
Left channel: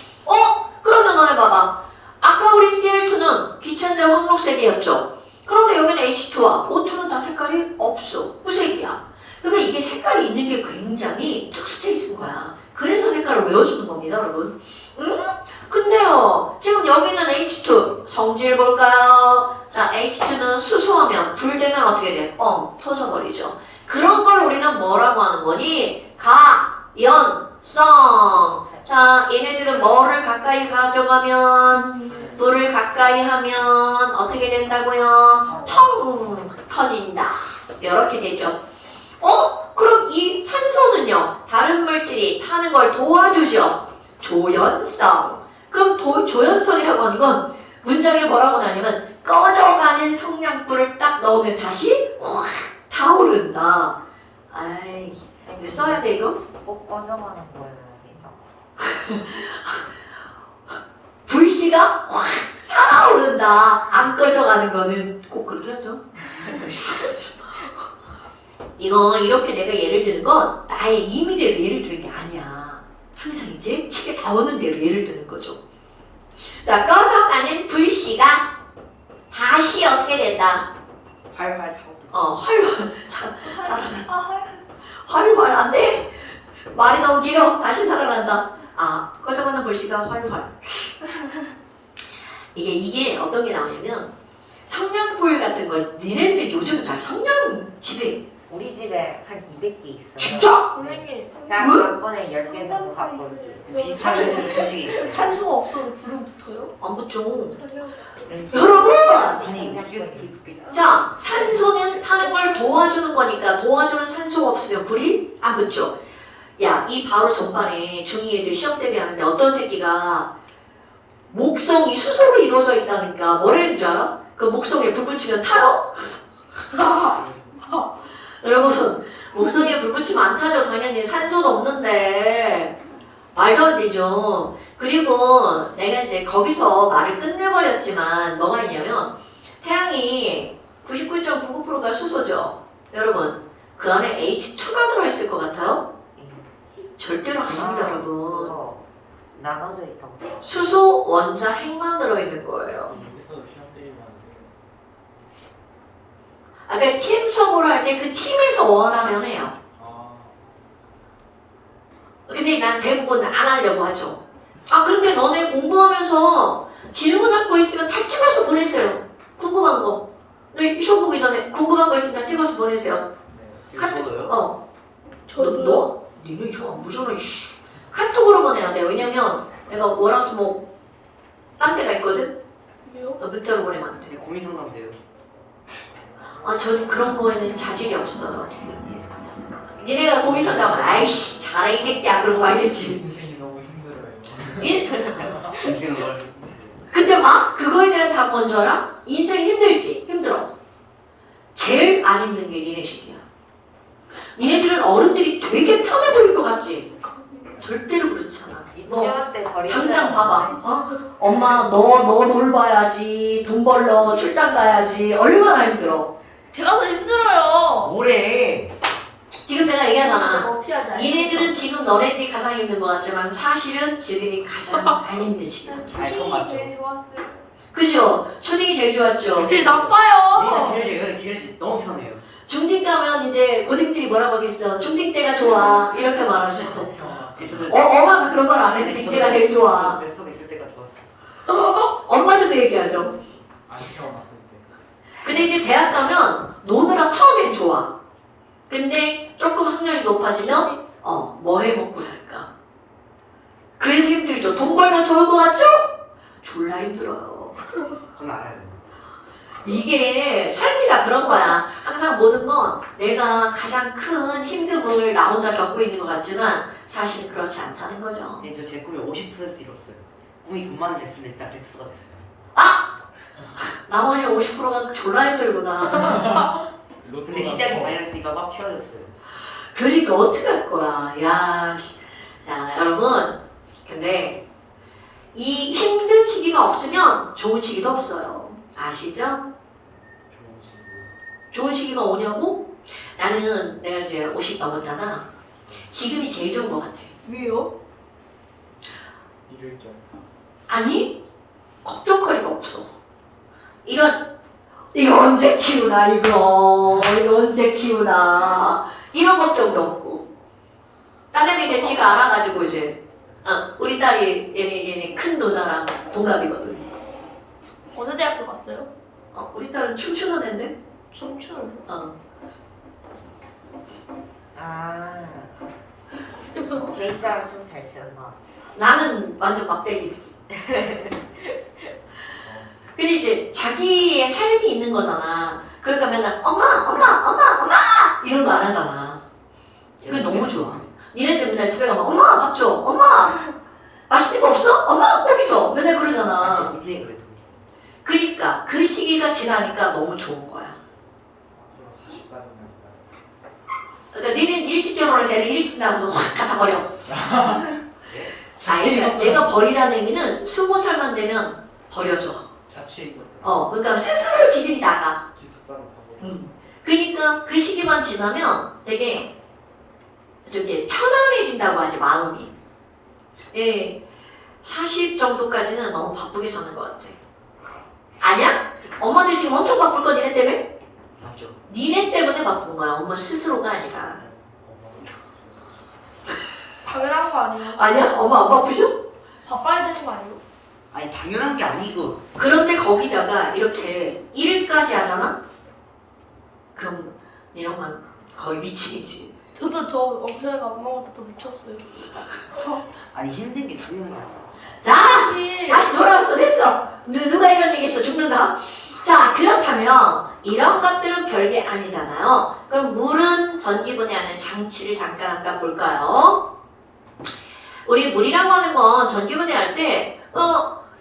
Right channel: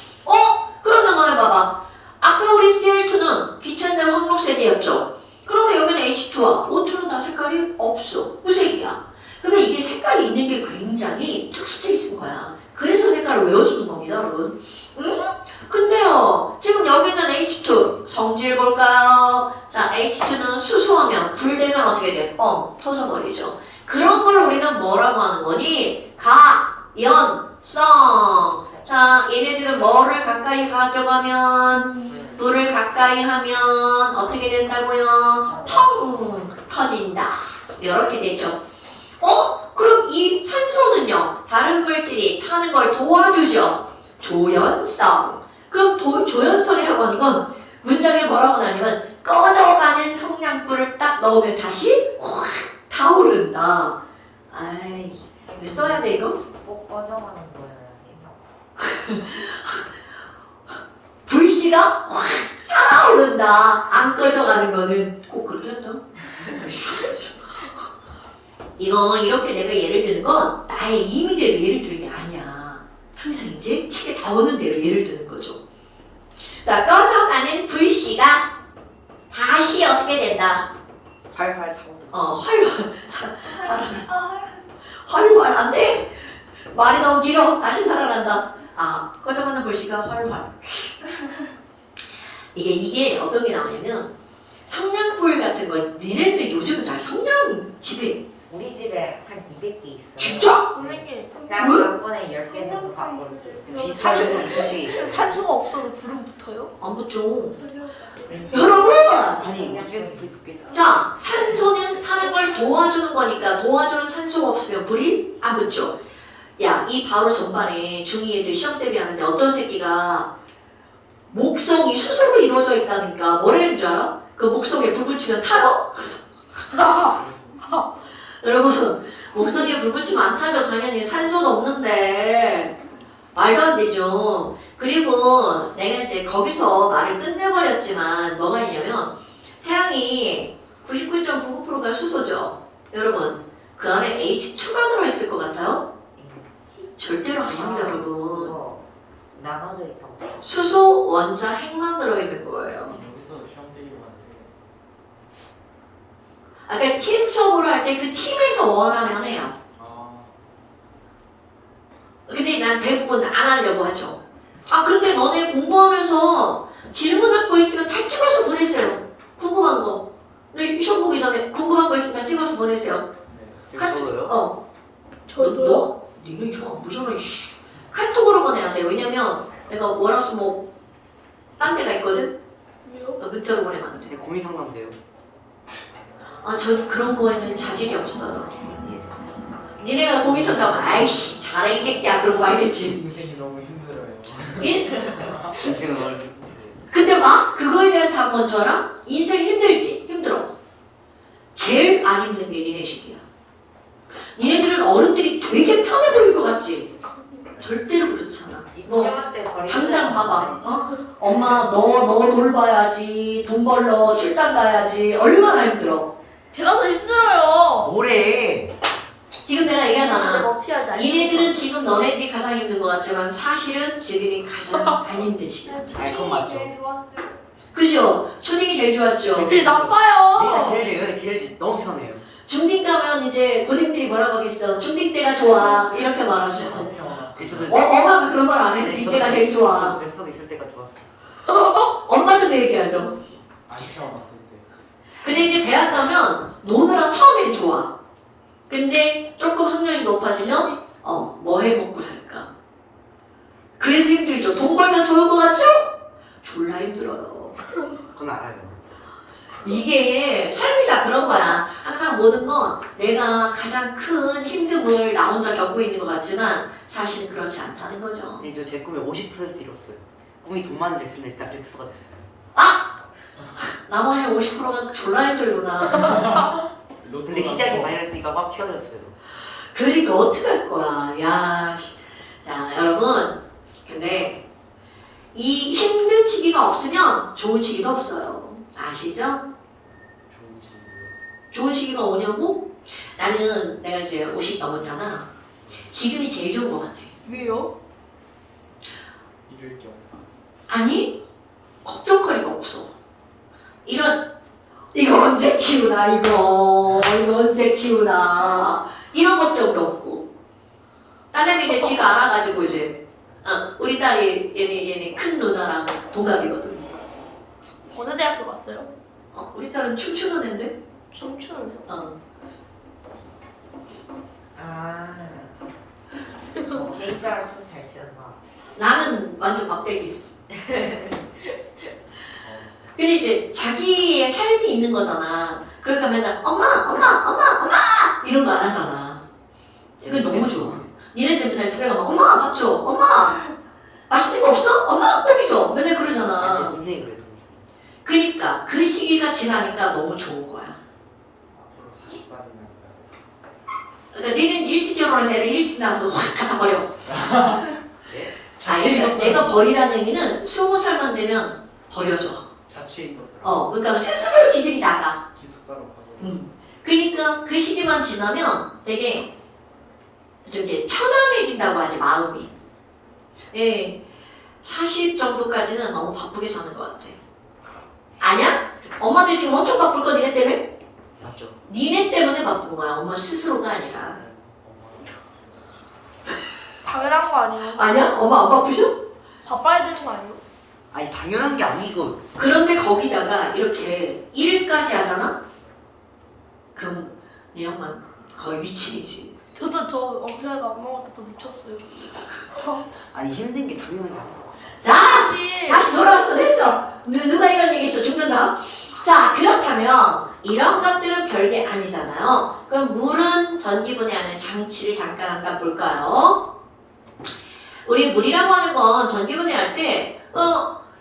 그러면 너네 봐봐. 아까 우리 Cl2는 귀찮은데 황록색이었죠. 그런데 여기는 H2와 O2는 다 색깔이 없어. 무색이야. 그러니까 이게 색깔이 있는 게 굉장히 특수테이스인 거야. 그래서 색깔을 외워주는 겁니다, 여러분. 근데요, 지금 여기는 H2 성질 볼까요? 자, H2는 수소하면 불 되면 어떻게 돼? 터져버리죠. 그런 걸 우리는 뭐라고 하는 거니? 가연성. 자, 얘네들은 뭐를 가까이 가져가면, 불을 가까이 하면 어떻게 된다고요? 펑 터진다. 이렇게 되죠. 그럼 이 산소는요? 다른 물질이 타는 걸 도와주죠. 조연성. 그럼 조연성이라고 하는 건 문장에 뭐라고 나냐면 꺼져가는 성냥불을 딱 넣으면 다시 확 타오른다. 아이, 이거 써야 돼 이거? 꼭 꺼져가는 거예요. 불씨가 확 살아오른다. 안 꺼져가는 거는 꼭 그렇게 하죠. 이거 이렇게 내가 예를 드는 건 나의 임의대로 예를 드는 게 아니야. 항상 이제 책에 나오는 대로 예를 드는 거죠. 자, 꺼져가는 불씨가 다시 어떻게 된다? 활활 타오르. 활활. 살아나. 활활 안 돼. 말이 너무 길어. 다시 살아난다. 꺼져가는 불씨가 활활. 이게 어떤 게 나오냐면 성냥불 같은 거 니네들이 요즘은 잘 성냥 집에 우리 집에 한 200개 있어요. 진짜? 선생님 제가 왜? 다음번에 10개 정도 갖고 올게요. 비슷한 수시. 산소가 없어도 불은 붙어요? 안 붙죠. 여러분! 아니 우주에서 불 붙겠다. 자, 산소는 하는 걸 도와주는 거니까 도와주는 산소가 없으면 불이 안 붙죠. 야, 이 바로 전반에 중2 애들 시험 대비하는데 어떤 새끼가 목성이 수소로 이루어져 있다니까 뭐라는 줄 알아? 그 목성에 불 붙이면 타러? 여러분, 목성에 불 붙이면 안 타죠. 당연히 산소도 없는데 말도 안 되죠. 그리고 내가 이제 거기서 말을 끝내버렸지만 뭐가 있냐면 태양이 99.99%가 수소죠. 여러분, 그 안에 H2가 들어있을 것 같아요? 절대로 아닙니다, 여러분. 그거 나눠져 있다고. 수소, 원자, 핵만 들어있는 거예요. 여기서 시험 대기 하는데 그러니까 팀 수업을 할 때 그 팀에서 원하면 해요. 근데 난 대부분 안 하려고 하죠. 그런데 너네 공부하면서 질문할 거 있으면 다 찍어서 보내세요. 궁금한 거. 네, 시험 보기 전에 궁금한 거 있으면 다 찍어서 보내세요. 저도요? 저도요. 니네 좀 무서워. 카톡으로만 해야 돼요. 왜냐면 내가 월화수목 딴 데가 있거든. 왜요? 문자로 보내면 안 돼. 고민 상담 돼요. 저 그런 거에는 자질이 없어요. 니네가 고민 상담을 아이씨 잘해 이 새끼야 그런 거 알겠지. 인생이 너무 힘들어요. 인생은 원래 근데 봐 그거에 대한 답 먼저 알아? 인생 힘들지? 힘들어. 제일 안 힘든 게 니네 식이야. 니네들은 어른들이 되게 편해 보일 것 같지? 절대로 그렇지 않아. 유치원 때 버리는 당장 봐봐. 엄마 너 돌봐야지. 돈 벌러 출장 가야지. 얼마나 힘들어. 제가 더 힘들어요. 뭐래? 지금 내가 얘기하잖아. 어떻게 하지? 얘네들은 지금 너네들이 가장 힘든 것 같지만 사실은 쟤들이 가장 안 힘든 시기야. 그건 맞죠. 좋았어요. 그죠? 초딩이 제일 좋았죠. 제일 내가 나빠요. 제일 너무 편해요. 중딩 가면 이제 고딩들이 뭐라고 하겠어. 중딩 때가 좋아. 이렇게 말하죠. 저도 엄마가 그런 말 안 해. 딩 때가 제일 좋아. 뱃속에 있을 때가 좋았어요. 엄마도 그 얘기하죠. 안 태어났을 때. 근데 이제 대학 가면 노느라 처음엔 좋아. 근데 조금 학년이 높아지면 뭐 해 먹고 살까? 그래서 힘들죠. 돈 벌면 좋을 것 같죠? 졸라 힘들어요. 그건 알아요. 이게 삶이 다 그런 거야. 항상 모든 건 내가 가장 큰 힘듦을 나 혼자 겪고 있는 것 같지만 사실 그렇지 않다는 거죠. 근데 저 제 꿈이 50% 이뤘어요. 꿈이 돈 많은 게 있으면 일단 백수가 됐어요. 나머지 50%가 졸라 힘들구나. 근데 시작이 마이너스니까 막 채워졌어요. 그러니까 어떻게 할 거야? 자 여러분, 근데 이 힘든 시기가 없으면 좋은 시기도 없어요. 아시죠? 좋은 시기요. 좋은 시기가 오냐고? 나는 내가 이제 50 넘었잖아. 지금이 제일 좋은 것 같아. 왜요? 이럴 경우. 아니, 걱정거리가 없어. 이거 언제 키우나 이거 언제 키우나 이런 걱정도 없고. 딸내미 이제 지가 알아가지고 이제 우리 딸이 얘네 큰 누나랑 동갑이거든. 어느 대학교 갔어요? 우리 딸은 춤추는 애인데. 춤추는요? 개인차로 춤잘 추나. 나는 완전 막대기. 근데 이제 자기의 삶이 있는 거잖아. 그러니까 맨날 엄마 이런 거 안 하잖아. 그게 너무 좋아. 니네들 맨날 집에 가면 엄마 밥 줘. 엄마 맛있는 거 없어? 엄마 고기 줘. 맨날 제 그러잖아. 동생이 그래 동생. 그니까 그 시기가 지나니까 너무 좋은 거야. 앞으로 40살이면 그러니까 니는 일찍 결혼해서 애를 일찍 낳아서 확 갖다 버려. 자취 그러니까 내가 버리라는 의미는 20살만 되면 버려줘. 자취 입었다. 그러니까 스스로 지들이 나가. 기숙사로 가버려. 그러니까 그 시기만 지나면 되게 좀 이제 편안해진다고 하지 마음이. 예, 40 정도까지는 너무 바쁘게 사는 것 같아. 아니야? 엄마들 지금 엄청 바쁠 거 니네 때문에? 맞죠? 니네 때문에 바쁜 거야. 엄마 스스로가 아니라. 당연한 거 아니에요? 아니야? 엄마 안 바쁘셔? 바빠야 되는 거 아니에요? 아니 당연한 게 아니고 그런데 거기다가 이렇게 일까지 하잖아? 그럼 이런 건 거의 미친이지. 저도 저 엄청나게 엄마보다 더 미쳤어요. 아니 힘든 게 당연한 게 아니라 자! 아니, 다시 돌아왔어. 됐어. 누가 이런 얘기 했어. 죽는다. 자, 그렇다면 이런 것들은 별게 아니잖아요. 그럼 물은 전기분해하는 장치를 잠깐 볼까요? 우리 물이라고 하는 건 전기분해할 때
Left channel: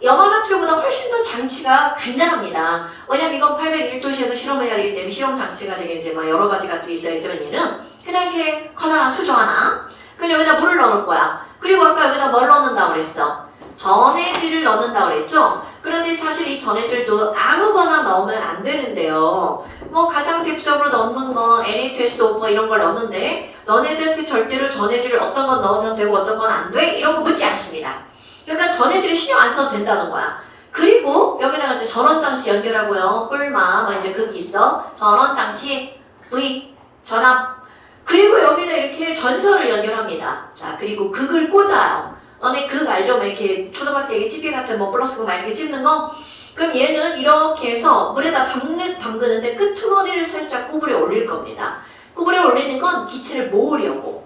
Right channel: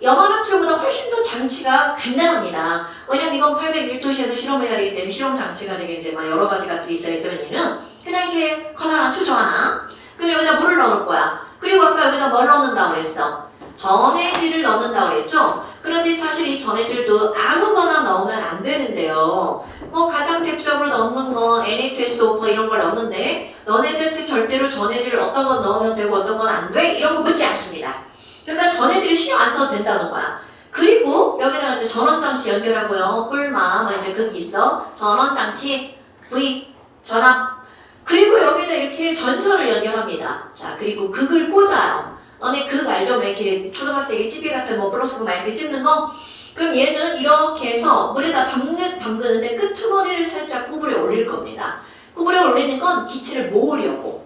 염화나트륨보다 훨씬 더 장치가 간단합니다. 왜냐면 이건 801도씨에서 실험을 해야 되기 때문에 실험 장치가 되게 이제 막 여러 가지 것들이 있어야지만 얘는 그냥 이렇게 커다란 수저 하나. 그럼 여기다 물을 넣을 거야. 그리고 아까 여기다 뭘 넣는다고 그랬어? 전해질을 넣는다고 그랬죠? 그런데 사실 이 전해질도 아무거나 넣으면 안 되는데요. 뭐 가장 대표적으로 넣는 거 NA2SO4 이런 걸 넣는데 너네들한테 절대로 전해질을 어떤 건 넣으면 되고 어떤 건 안 돼? 이런 거 묻지 않습니다. 그러니까 전해질을 신경 안 써도 된다는 거야. 그리고 여기다가 이제 전원장치 연결하고요. 뿔마 뭐 이제 그게 있어. 전원장치 V 전압. 그리고 여기다 이렇게 전선을 연결합니다. 자 그리고 극을 꽂아요. 너네 극 알죠? 막 이렇게 초등학생이 찌개 같은 뭐 플러스 막 이렇게 찍는 거. 그럼 얘는 이렇게 해서 물에다 담그는데 끄트머리를 살짝 구부려 올릴 겁니다. 구부려 올리는 건 기체를 모으려고.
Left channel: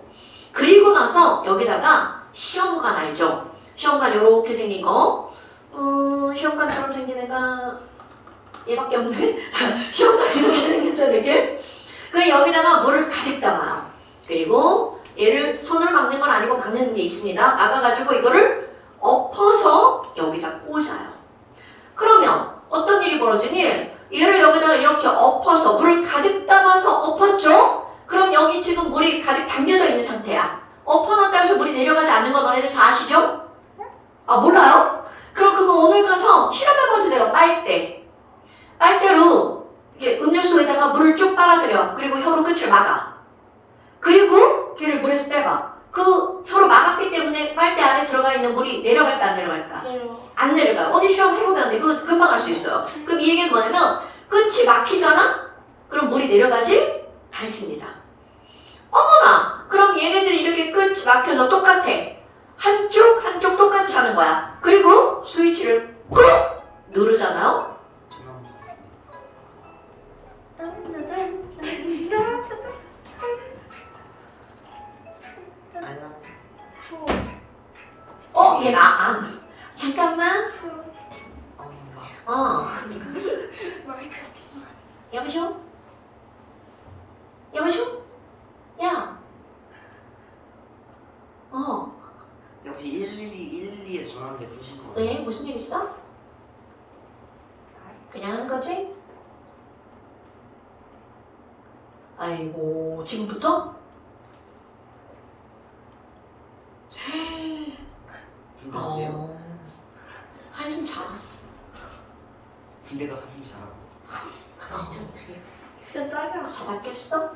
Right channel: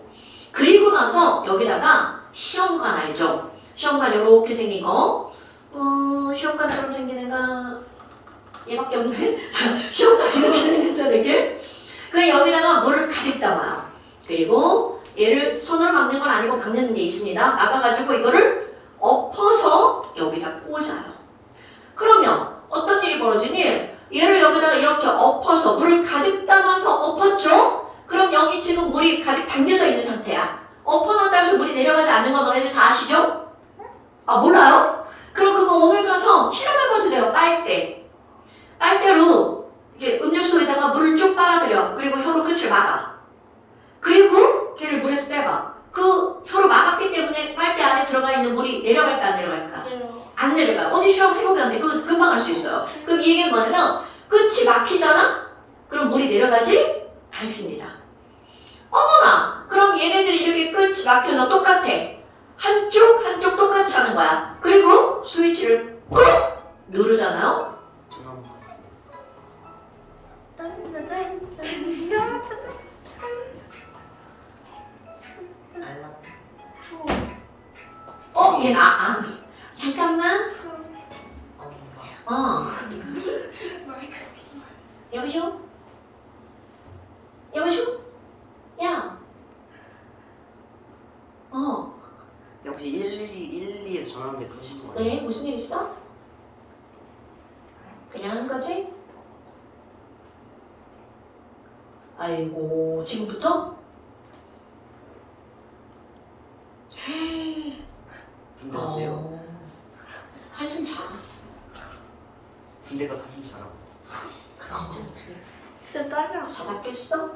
그리고 나서 여기다가 시험관 알죠? 시험관 이렇게 생긴 거. 시험관처럼 생긴 애가 얘밖에 없네. 자, 시험관 이렇게 생겼잖아 이게. 그 여기다가 물을 가득 담아요. 그리고 얘를 손으로 막는 건 아니고 막는 게 있습니다. 막아가지고 이거를 엎어서 여기다 꽂아요. 그러면 어떤 일이 벌어지니? 얘를 여기다가 이렇게 엎어서 물을 가득 담아서 엎었죠? 그럼 여기 지금 물이 가득 담겨져 있는 상태야. 엎어놨다고 해서 물이 내려가지 않는 거 너네들 다 아시죠? 아 몰라요? 그럼 그거 오늘 가서 실험해봐도 돼요. 빨대. 빨대로 이게 음료수에다가 물을 쭉 빨아들여. 그리고 혀로 끝을 막아. 그리고 걔를 물에서 떼봐. 그 혀로 막았기 때문에 빨대 안에 들어가 있는 물이 내려갈까 안 내려갈까? 내려. 안 내려가. 언니 실험해보면 안 돼. 그거 금방 할 수 있어요. 그럼 이 얘기는 뭐냐면 끝이 막히잖아? 그럼 물이 내려가지 않습니다. 어머나! 그럼 얘네들이 이렇게 끝이 막혀서 똑같아. 한쪽 똑같이 하는 거야. 그리고 스위치를 꾹 누르잖아요. 전화 받았습니다. 알람. 얘가 잠깐만. 엄마. 여보쇼? 여보쇼? 야. 혹시 112에서 전화하는데 그러시는 거예요? 왜? 무슨 일 있어? 그냥 한 거지? 아이고, 지금부터? 군대 어때요? 한숨 자. 군대 가서 한숨 자라고. 진짜 딸이랑 자다 깼어?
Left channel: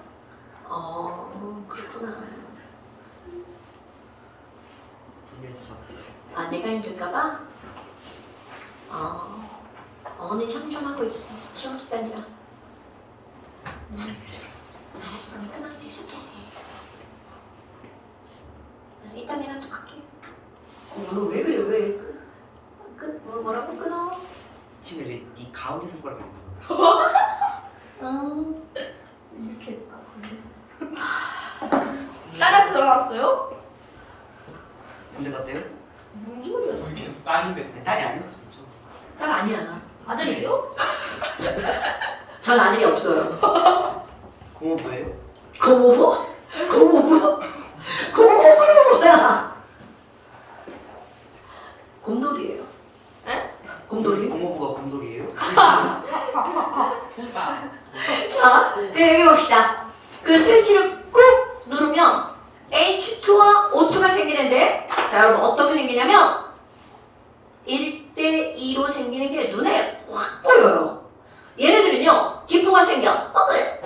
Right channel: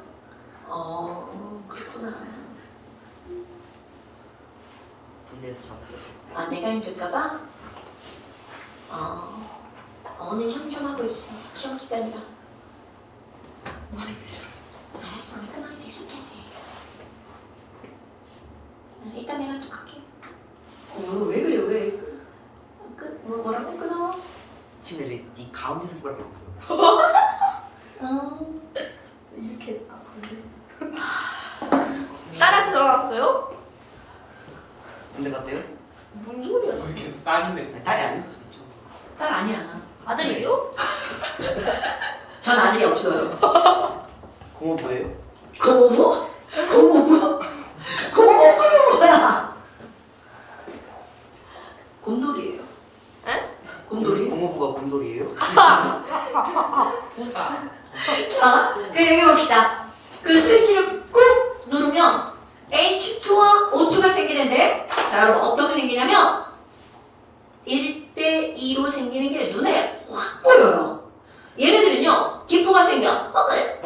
그렇구나. 군대에서 자고. 아, 내가 힘들까봐? 언니 상정하고 있어. 시험 기간이라. 알았어, 언니 끊어야 돼, 시켜야 돼. 이따 내가 또 갈게. 왜 그래, 왜? 뭐라고 끊어? 친구들이 네 가운데 손가락을 보여. 이렇게 근데 딸한테 전화 왔어요? 군대 갔대요? 뭔 소리야? 이렇게 딸인데 딸이 아니었어. 딸 아니야. 아들이에요? 전 아들이 없어요. 고모 뭐예요? 고모부? 고모부? 고모부는 뭐야? 곰돌이에요. 에? 곰돌이? 고모부가 곰돌이에요? 자, 그 여기 봅시다. 그 스위치를 꾹 누르면 H2와 O2가 생기는데, 자 여러분 어떻게 생기냐면 1대2로 생기는 게 눈에 확 보여요. 얘네들은요 기포가 생겨. 뻐글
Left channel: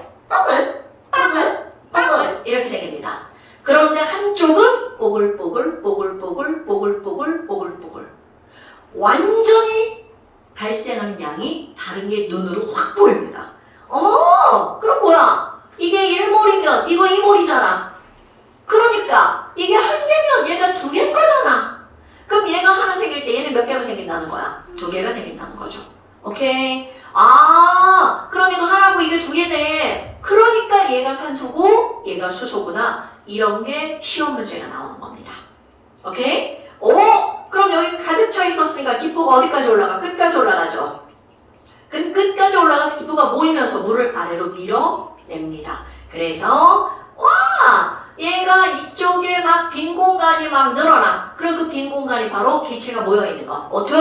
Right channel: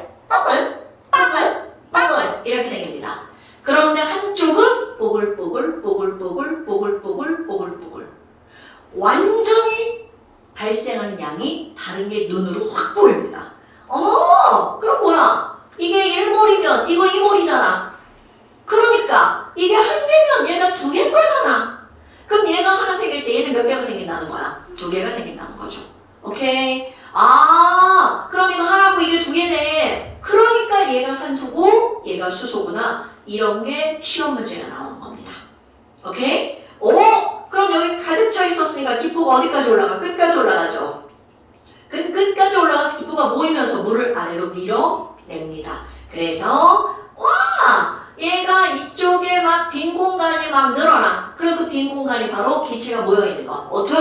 완전히 발생하는 양이 다른 게 눈으로 확 보입니다. 어머, 그럼 뭐야? 이게 1몰이면 이거 2몰이잖아. 그러니까 이게 한 개면 얘가 2개인 거잖아. 그럼 얘가 하나 생길 때 얘는 몇 개가 생긴다는 거야? 2개가 생긴다는 거죠. 오케이? 아, 그럼 이거 하나고 이게 2개네. 그러니까 얘가 산소고 얘가 수소구나. 이런 게 시험 문제가 나오는 겁니다. 오케이? 오, 그럼 여기 가득 차 있었으니까 기포가 어디까지 올라가? 끝까지 올라가죠. 끝까지 올라가서 기포가 모이면서 물을 아래로 밀어냅니다. 그래서 와, 얘가 이쪽에 막 빈 공간이 막 늘어나. 그럼 그 빈 공간이 바로 기체가 모여있는 거. 어떻게?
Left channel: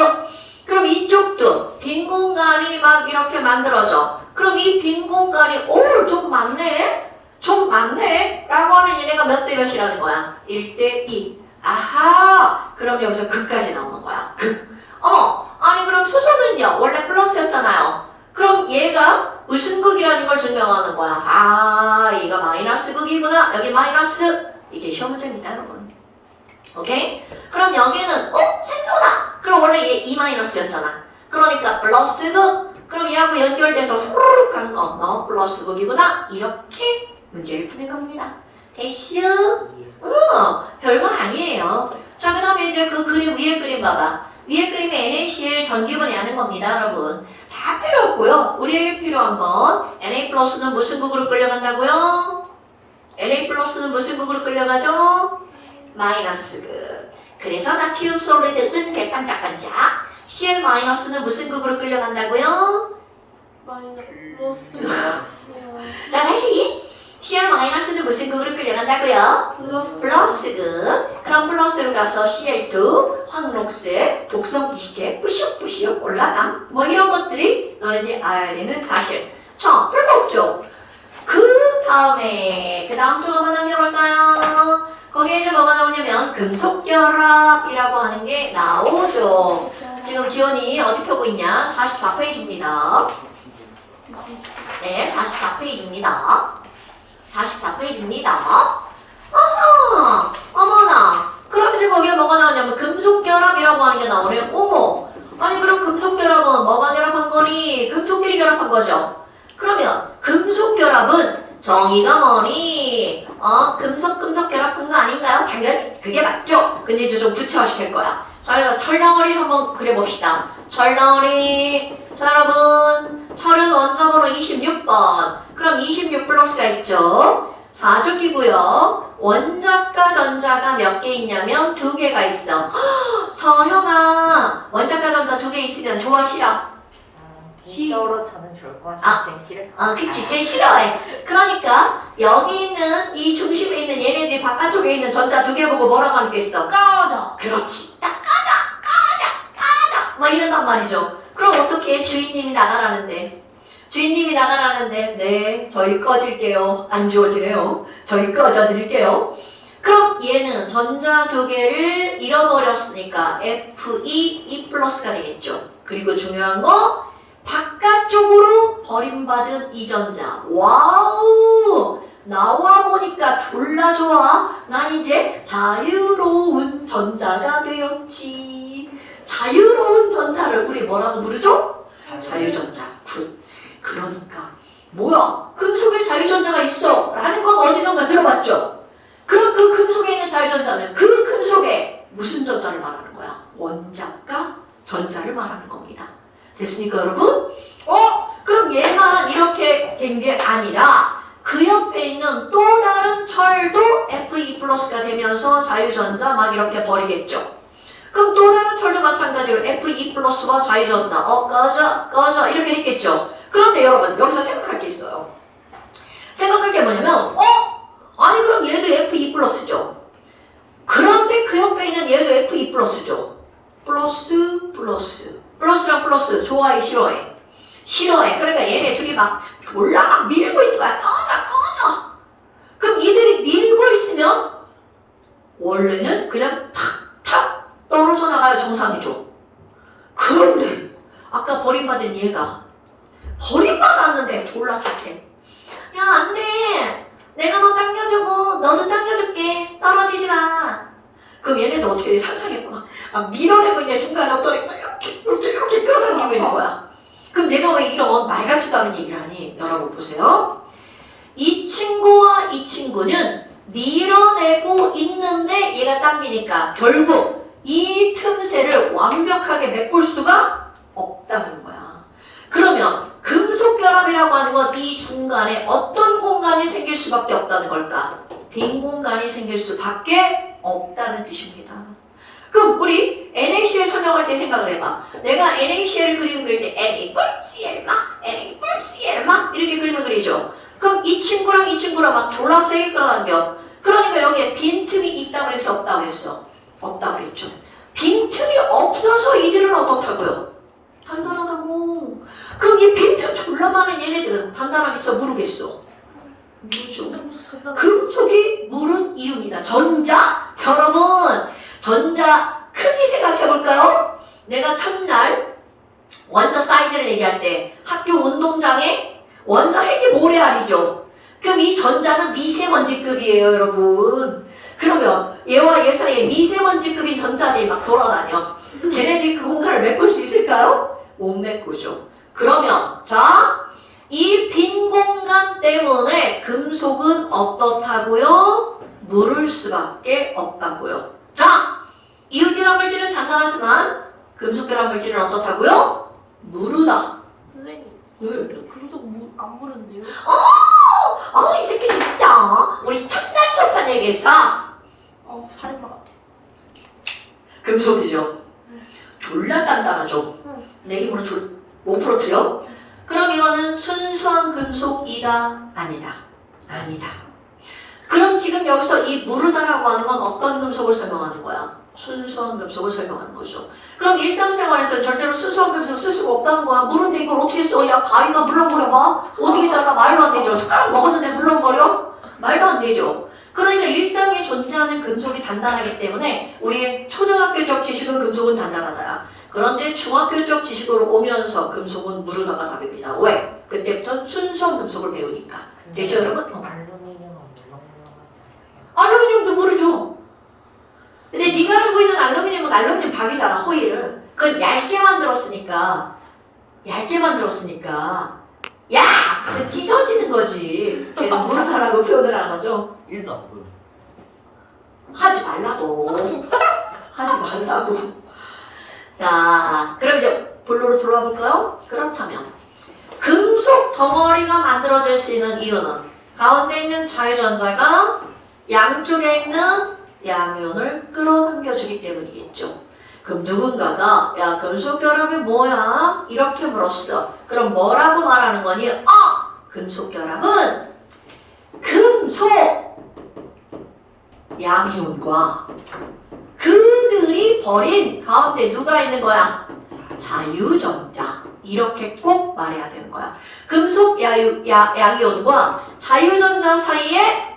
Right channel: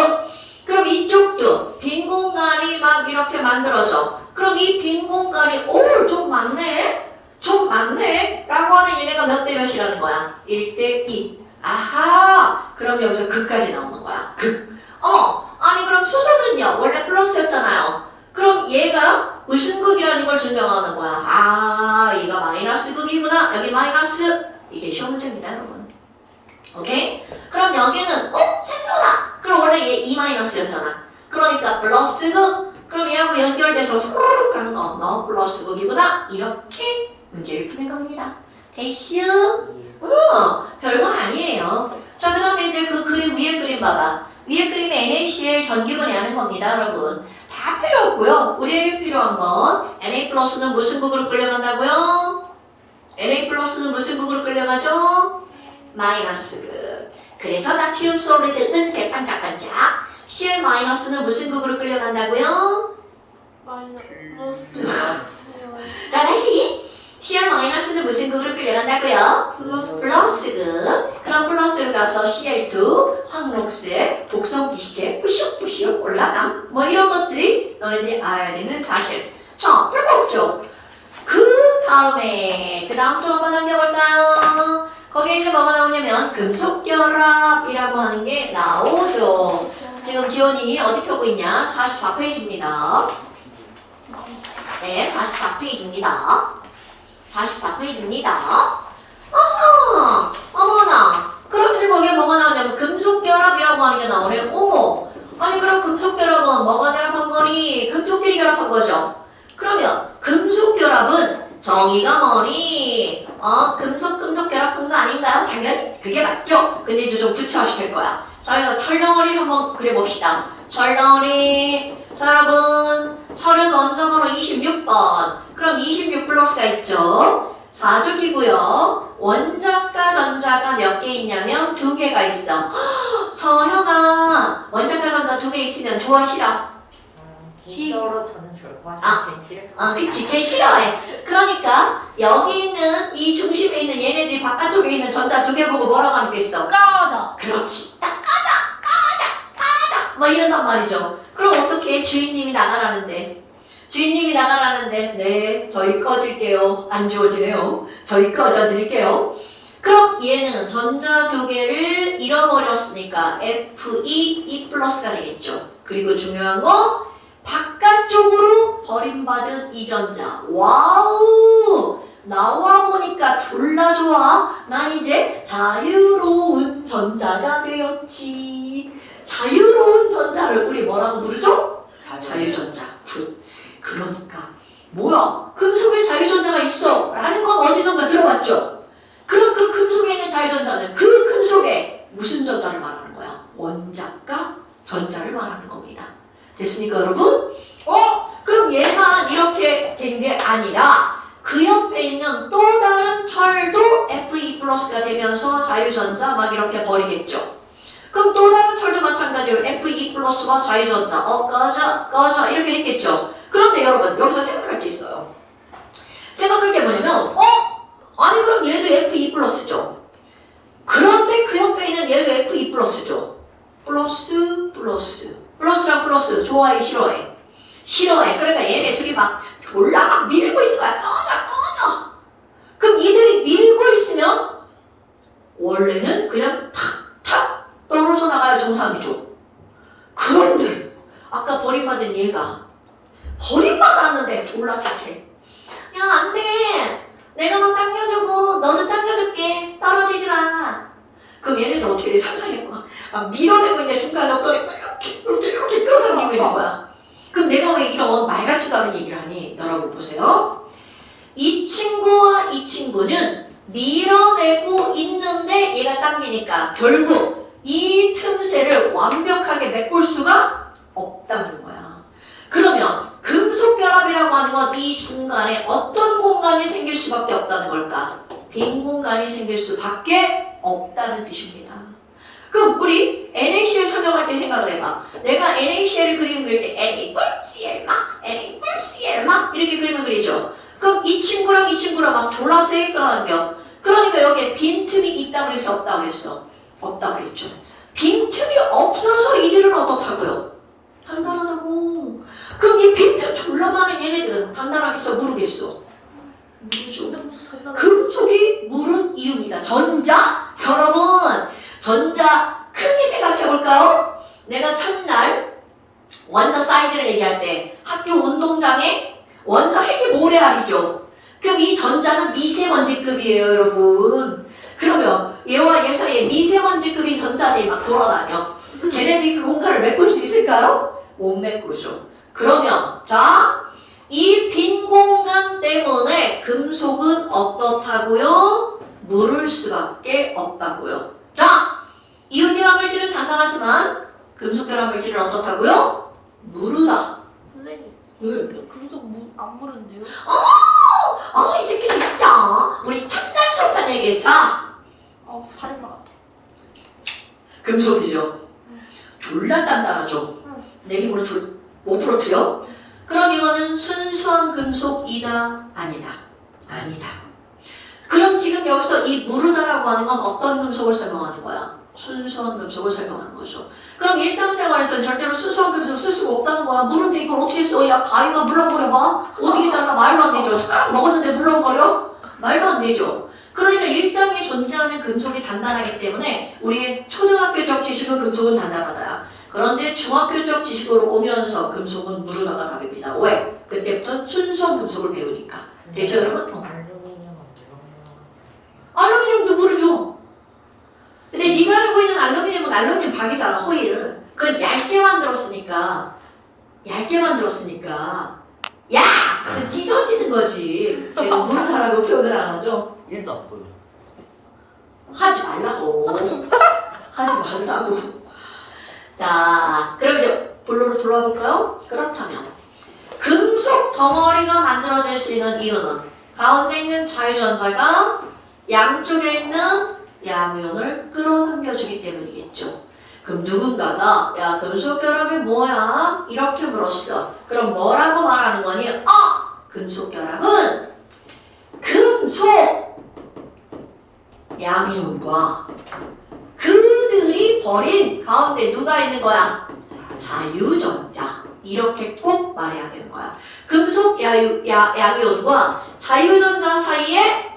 그럼 이쪽도 빈 공간이 막 이렇게 만들어져. 그럼 이 빈 공간이 좀 많네? 좀 많네? 라고 하면 얘네가 몇 대 몇이라는 거야? 1대2. 아하! 그럼 여기서 극까지 나오는 거야. 극. 아니 그럼 수소는요? 원래 플러스였잖아요. 그럼 얘가 무슨 극이라는 걸 증명하는 거야. 아, 얘가 마이너스 극이구나. 여기 마이너스. 이게 시험 문제입니다, 여러분. 오케이? 그럼 여기는 산소다. 그럼 원래 얘 E-였잖아. 그러니까 플러스 극. 그럼 얘하고 연결돼서 후루룩 간 거. 너 플러스 극이구나. 이렇게 문제를 푸는 겁니다. 됐슈? 별거 아니에요. 자, 그 다음에 이제 그 그림, 위에 그림 봐봐. 위에 그림에 NaCl 전기분해 하는 겁니다, 여러분. 다 필요 없고요. 우리에게 필요한 건 Na 플러스는 무슨 극으로 끌려간다고요? Na 플러스는 무슨 극으로 끌려가죠? 마이너스 극. 그래서 나트륨 솔리드 은색 반짝반짝. Cl 마이너스는 무슨 극으로 끌려간다고요? 마이너스. 자, 다시. Cl 마이너스는 무슨 극으로 끌려간다고요? 플러스 극. 그럼 플러스로 가서 Cl2 황록색 독성 기시제 뿌슉뿌슉 올라감. 뭐 이런 것들이 너희들이 알아야 되는 사실. 자, 별거 없죠? 그 다음 쪽 한번 넘겨볼까요? 거기에 이제 뭐가 나오냐면 금속결합이라고 하는 게 나오죠. 지금 지원이 어디 펴고 있냐? 44페이지입니다. 네, 44페이지입니다. 44페이지입니다. 어머나. 그럼 이제 거기에 뭐가 나오냐면 금속결합이라고 하는 게 나오네. 어머. 아니 그럼 금속결합은 뭐가 결합한 거니? 금속끼리 결합한 거죠. 그러면 금속결합은 정의가 뭐니? 금속 결합한 거 아닌가요? 당연히 그게 맞죠. 근데 이제 좀 구체화시킬 거야. 저희가 철덩어리를 한번 그려봅시다. 철덩어리. 자 여러분, 철은 원점으로 26번. 그럼 26 플러스가 있죠. 4족이고요. 원자과 전자가 몇 개 있냐면 2개가 있어. 서형아, 원자과 전자 2개 있으면 좋아 싫어? 이쪽으로 저는 좋고 제일 싫어. 그치, 제일 싫어해. 그러니까 여기 있는 이 중심에 있는 얘네들이 바깥쪽에 있는 전자 2개 보고 뭐라고 하겠어? 꺼져. 그렇지. 딱 꺼져. 뭐 이런단 말이죠. 그럼 어떻게 주인님이 나가라는데? 네, 저희 꺼질게요. 안 지워지네요. 저희 꺼져드릴게요. 그럼 얘는 전자 2개를 잃어버렸으니까 Fe 플러스가 되겠죠. 그리고 중요한 거 바깥쪽으로 버림받은 이 전자. 와우! 나와 보니까 졸라 좋아. 난 이제 자유로운 전자가 되었지. 자유로운 전자를 우리 뭐라고 부르죠? 자유전자. 굿. 그러니까 뭐야? 금속에 자유전자가 있어 라는 건 어디선가 들어봤죠? 그럼 그 금속에 있는 자유전자는 그 금속에 무슨 전자를 말하는 거야? 원자과 전자를 말하는 겁니다. 됐습니까 여러분? 그럼 얘만 이렇게 된 게 아니라 그 옆에 있는 또 다른 철도 Fe 플러스가 되면서 자유전자 막 이렇게 버리겠죠. 그럼 또 다른 철도 마찬가지로 Fe 플러스와 자유전자 꺼져 이렇게 됐겠죠. 그런데 여러분 여기서 생각할 게 있어요. 생각할 게 뭐냐면 아니 그럼 얘도 Fe 플러스죠. 그런데 그 옆에 있는 얘도 Fe 플러스죠. 플러스랑 플러스 좋아해 싫어해? 싫어해. 그러니까 얘네 둘이 막 졸라 막 밀고 있는 거야. 꺼져. 그럼 이들이 밀고 있으면 원래는 그냥 탁탁 떨어져 나가야 정상이죠. 그런데 아까 버림받은 얘가 버림받았는데 졸라 착해. 야 안돼. 내가 너 당겨주고 너도 당겨줄게. 떨어지지 마. 그럼 얘네들 어떻게 돼? 상상해봐. 막 밀어내고 있는 중간에 어떤 애가 이렇게 끌어당기고 있는 거야. 그럼 내가 왜 이런 말 같지도 않은 얘기를 하니? 여러분 보세요. 이 친구와 이 친구는 밀어내고 있는데 얘가 당기니까 결국 이 틈새를 완벽하게 메꿀 수가 없다는 거야. 그러면 금속 결합이라고 하는 건 이 중간에 어떤 공간이 생길 수밖에 없다는 걸까? 빈 공간이 생길 수밖에 없다는 뜻입니다. 그럼 우리 NaCl 설명할 때 생각을 해봐. 내가 NaCl을 그리면 그릴 때 Na+Cl Na+Cl 이렇게 그리면 그리죠. 그럼 이 친구랑 이 친구랑 막 졸라 세게 끌어당겨. 그러니까 여기에 빈틈이 있다 그랬어, 없다 그랬어? 없다 그랬죠. 빈틈이 없어서 이들은 어떻다고요? 단단하다고. 그럼 이 빈틈 졸라 많은 얘네들은 단단하겠어, 무르겠어? 무르죠. 금속이 무른 이유입니다. 전자? 여러분, 전자 크게 생각해볼까요? 내가 첫날 원자 사이즈를 얘기할 때 학교 운동장에 원자 핵이 모래알이죠. 그럼 이 전자는 미세먼지급이에요, 여러분. 그러면 얘와 얘 사이에 미세먼지급인 전자들이 막 돌아다녀. 걔네들이 그 공간을 메꿀 수 있을까요? 못 메꾸죠. 그러면 자, 이 빈 공간 때문에 금속은 어떻다고요? 무를 수밖에 없다고요. 자, 이온결합 물질은 단단하지만 금속 결합 물질은 어떻다고요? 무르다. 선생님, 응. 금속 안 무른데요? 이 새끼 진짜. 우리 첫날 수업한 얘기했어. 살인마 같아. 금속이죠. 졸라 단단하죠. 응. 내 힘으로 5%요? 그럼 이거는 순수한 금속이다? 아니다. 아니다. 그럼 지금 여기서 이 무르다라고 하는 건 어떤 금속을 설명하는 거야? 순수한 금속을 설명하는 거죠. 그럼 일상생활에서는 절대로 순수한 금속 쓸 수가 없다는 거야. 무른데 이걸 어떻게 써? 야, 가위가 물렁거려봐. 어떻게 잘라? 말도 안 되죠. 숟가락 먹었는데 물렁거려? 말도 안 되죠. 그러니까 일상에 존재하는 금속이 단단하기 때문에 우리의 초등학교적 지식은 금속은 단단하다. 그런데 중학교적 지식으로 오면서 금속은 무르다가 답입니다. 왜? 그때부터 순수한 금속을 배우니까. 되죠, 여러분? 알루미늄은 물렁물렁하지. 알루미늄도 무르죠. 근데 네가 알고 있는 알루미늄은 알루미늄 박이잖아, 허일은. 그건 얇게 만들었으니까 야! 그 찢어지는 거지. 내가 무르다라고 표현을 안 하죠. 1도 안 보여. 하지 말라고. 하지 말라고. 자, 그럼 이제 본론으로 돌아와 볼까요? 그렇다면 금속 덩어리가 만들어질 수 있는 이유는 가운데 있는 자유전자가 양쪽에 있는 양이온을 끌어당겨주기 때문이겠죠. 그럼 누군가가 야, 금속 결합이 뭐야? 이렇게 물었어. 그럼 뭐라고 말하는 거니? 금속 결합은 금속 양이온과 그들이 버린 가운데 누가 있는 거야? 자유전자. 이렇게 꼭 말해야 되는 거야. 금속 양이온과 자유전자 사이에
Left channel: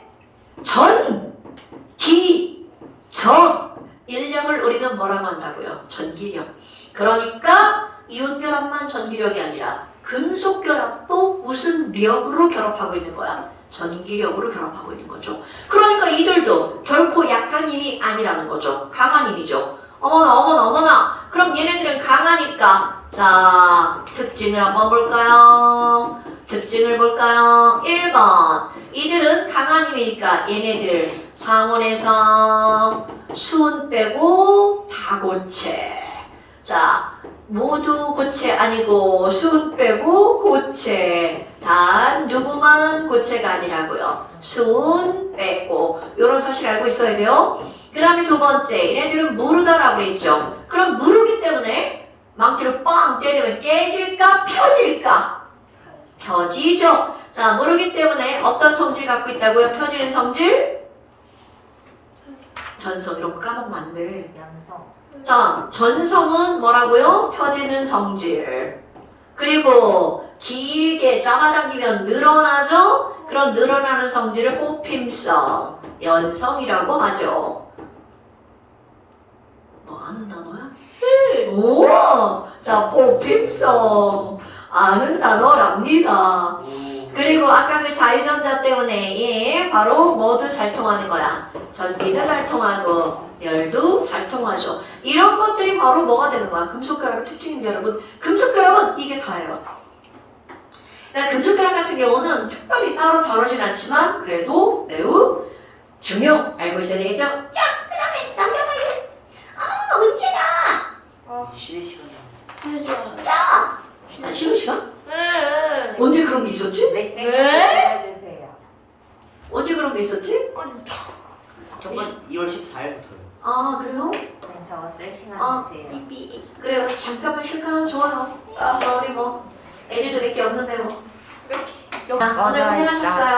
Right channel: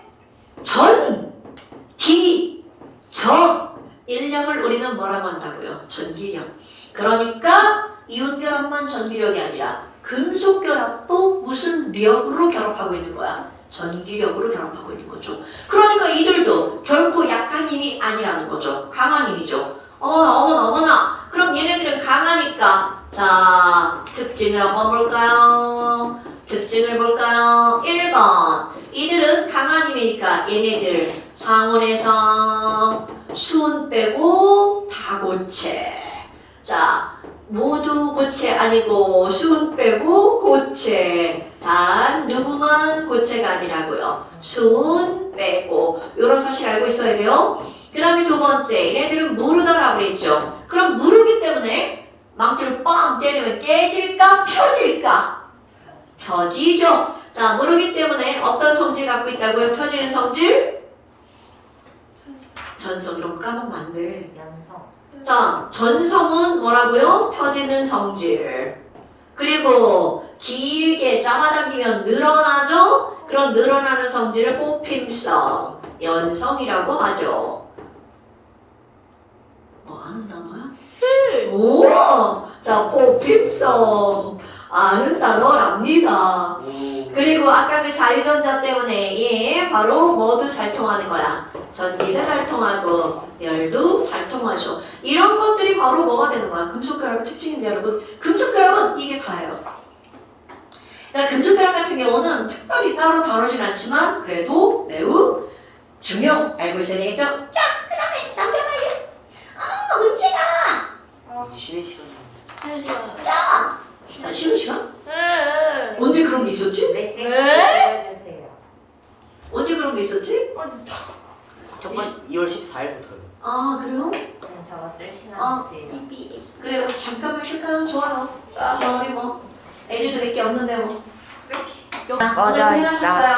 인력을 우리는 뭐라고 한다고요? 전기력. 그러니까 이온 결합만 전기력이 아니라 금속 결합도 무슨 력으로 결합하고 있는 거야? 전기력으로 결합하고 있는 거죠. 그러니까 이들도 결코 약한 힘이 아니라는 거죠. 강한 힘이죠. 어머나. 그럼 얘네들은 강하니까 자, 특징을 한번 볼까요? 특징을 볼까요? 1번. 이들은 강한 힘이니까 얘네들 상온에서 수은 빼고 다 고체. 자, 모두 고체 아니고 수은 빼고 고체. 단 누구만 고체가 아니라고요. 수은 빼고. 이런 사실 알고 있어야 돼요. 그 다음에 두 번째, 얘네들은 무르다라고 그랬죠. 그럼 무르기 때문에 망치로 빵 때리면 깨질까 펴질까? 펴지죠. 자, 무르기 때문에 어떤 성질 갖고 있다고요? 펴지는 성질? 전성. 이런 거 까먹으면 안 돼. 연성. 자, 전성은 뭐라고요? 펴지는 성질. 그리고 길게 잡아당기면 늘어나죠? 그런 늘어나는 성질을 뽑힘성, 연성이라고 하죠. 너 아는 단어야? 오! 자, 뽑힘성. 아는 단어랍니다. 그리고 아까 그 자유전자 때문에 얘 바로 뭐도 잘 통하는 거야. 전기도 잘 통하고 열도 잘 통하죠. 이런 것들이 바로 뭐가 되는 거야? 금속결합의 특징인데 여러분, 금속결합은 이게 다예요. 그러니까 금속결합 같은 경우는 특별히 따로 다루진 않지만 그래도 매우 중요. 알고 있어야 되겠죠? 자, 그 다음에 남겨봐요. 아, 문제다. 이제 쉬는 시간이야. 자, 쉬는 시간? 네. 언제 그런 게 있었지? 메시지 네? 보내주세요. 언제 그런 게 있었지? 첫 번 2월 14일부터요. 아, 그래요? 그냥 저거 쓸 시간 아, 주세요. 그래요. 잠깐만 쉴까요? 좋아요. 우리 뭐 애들도 몇 개 없는데 뭐. 오늘 꺼져 고생하셨어요. 있었어.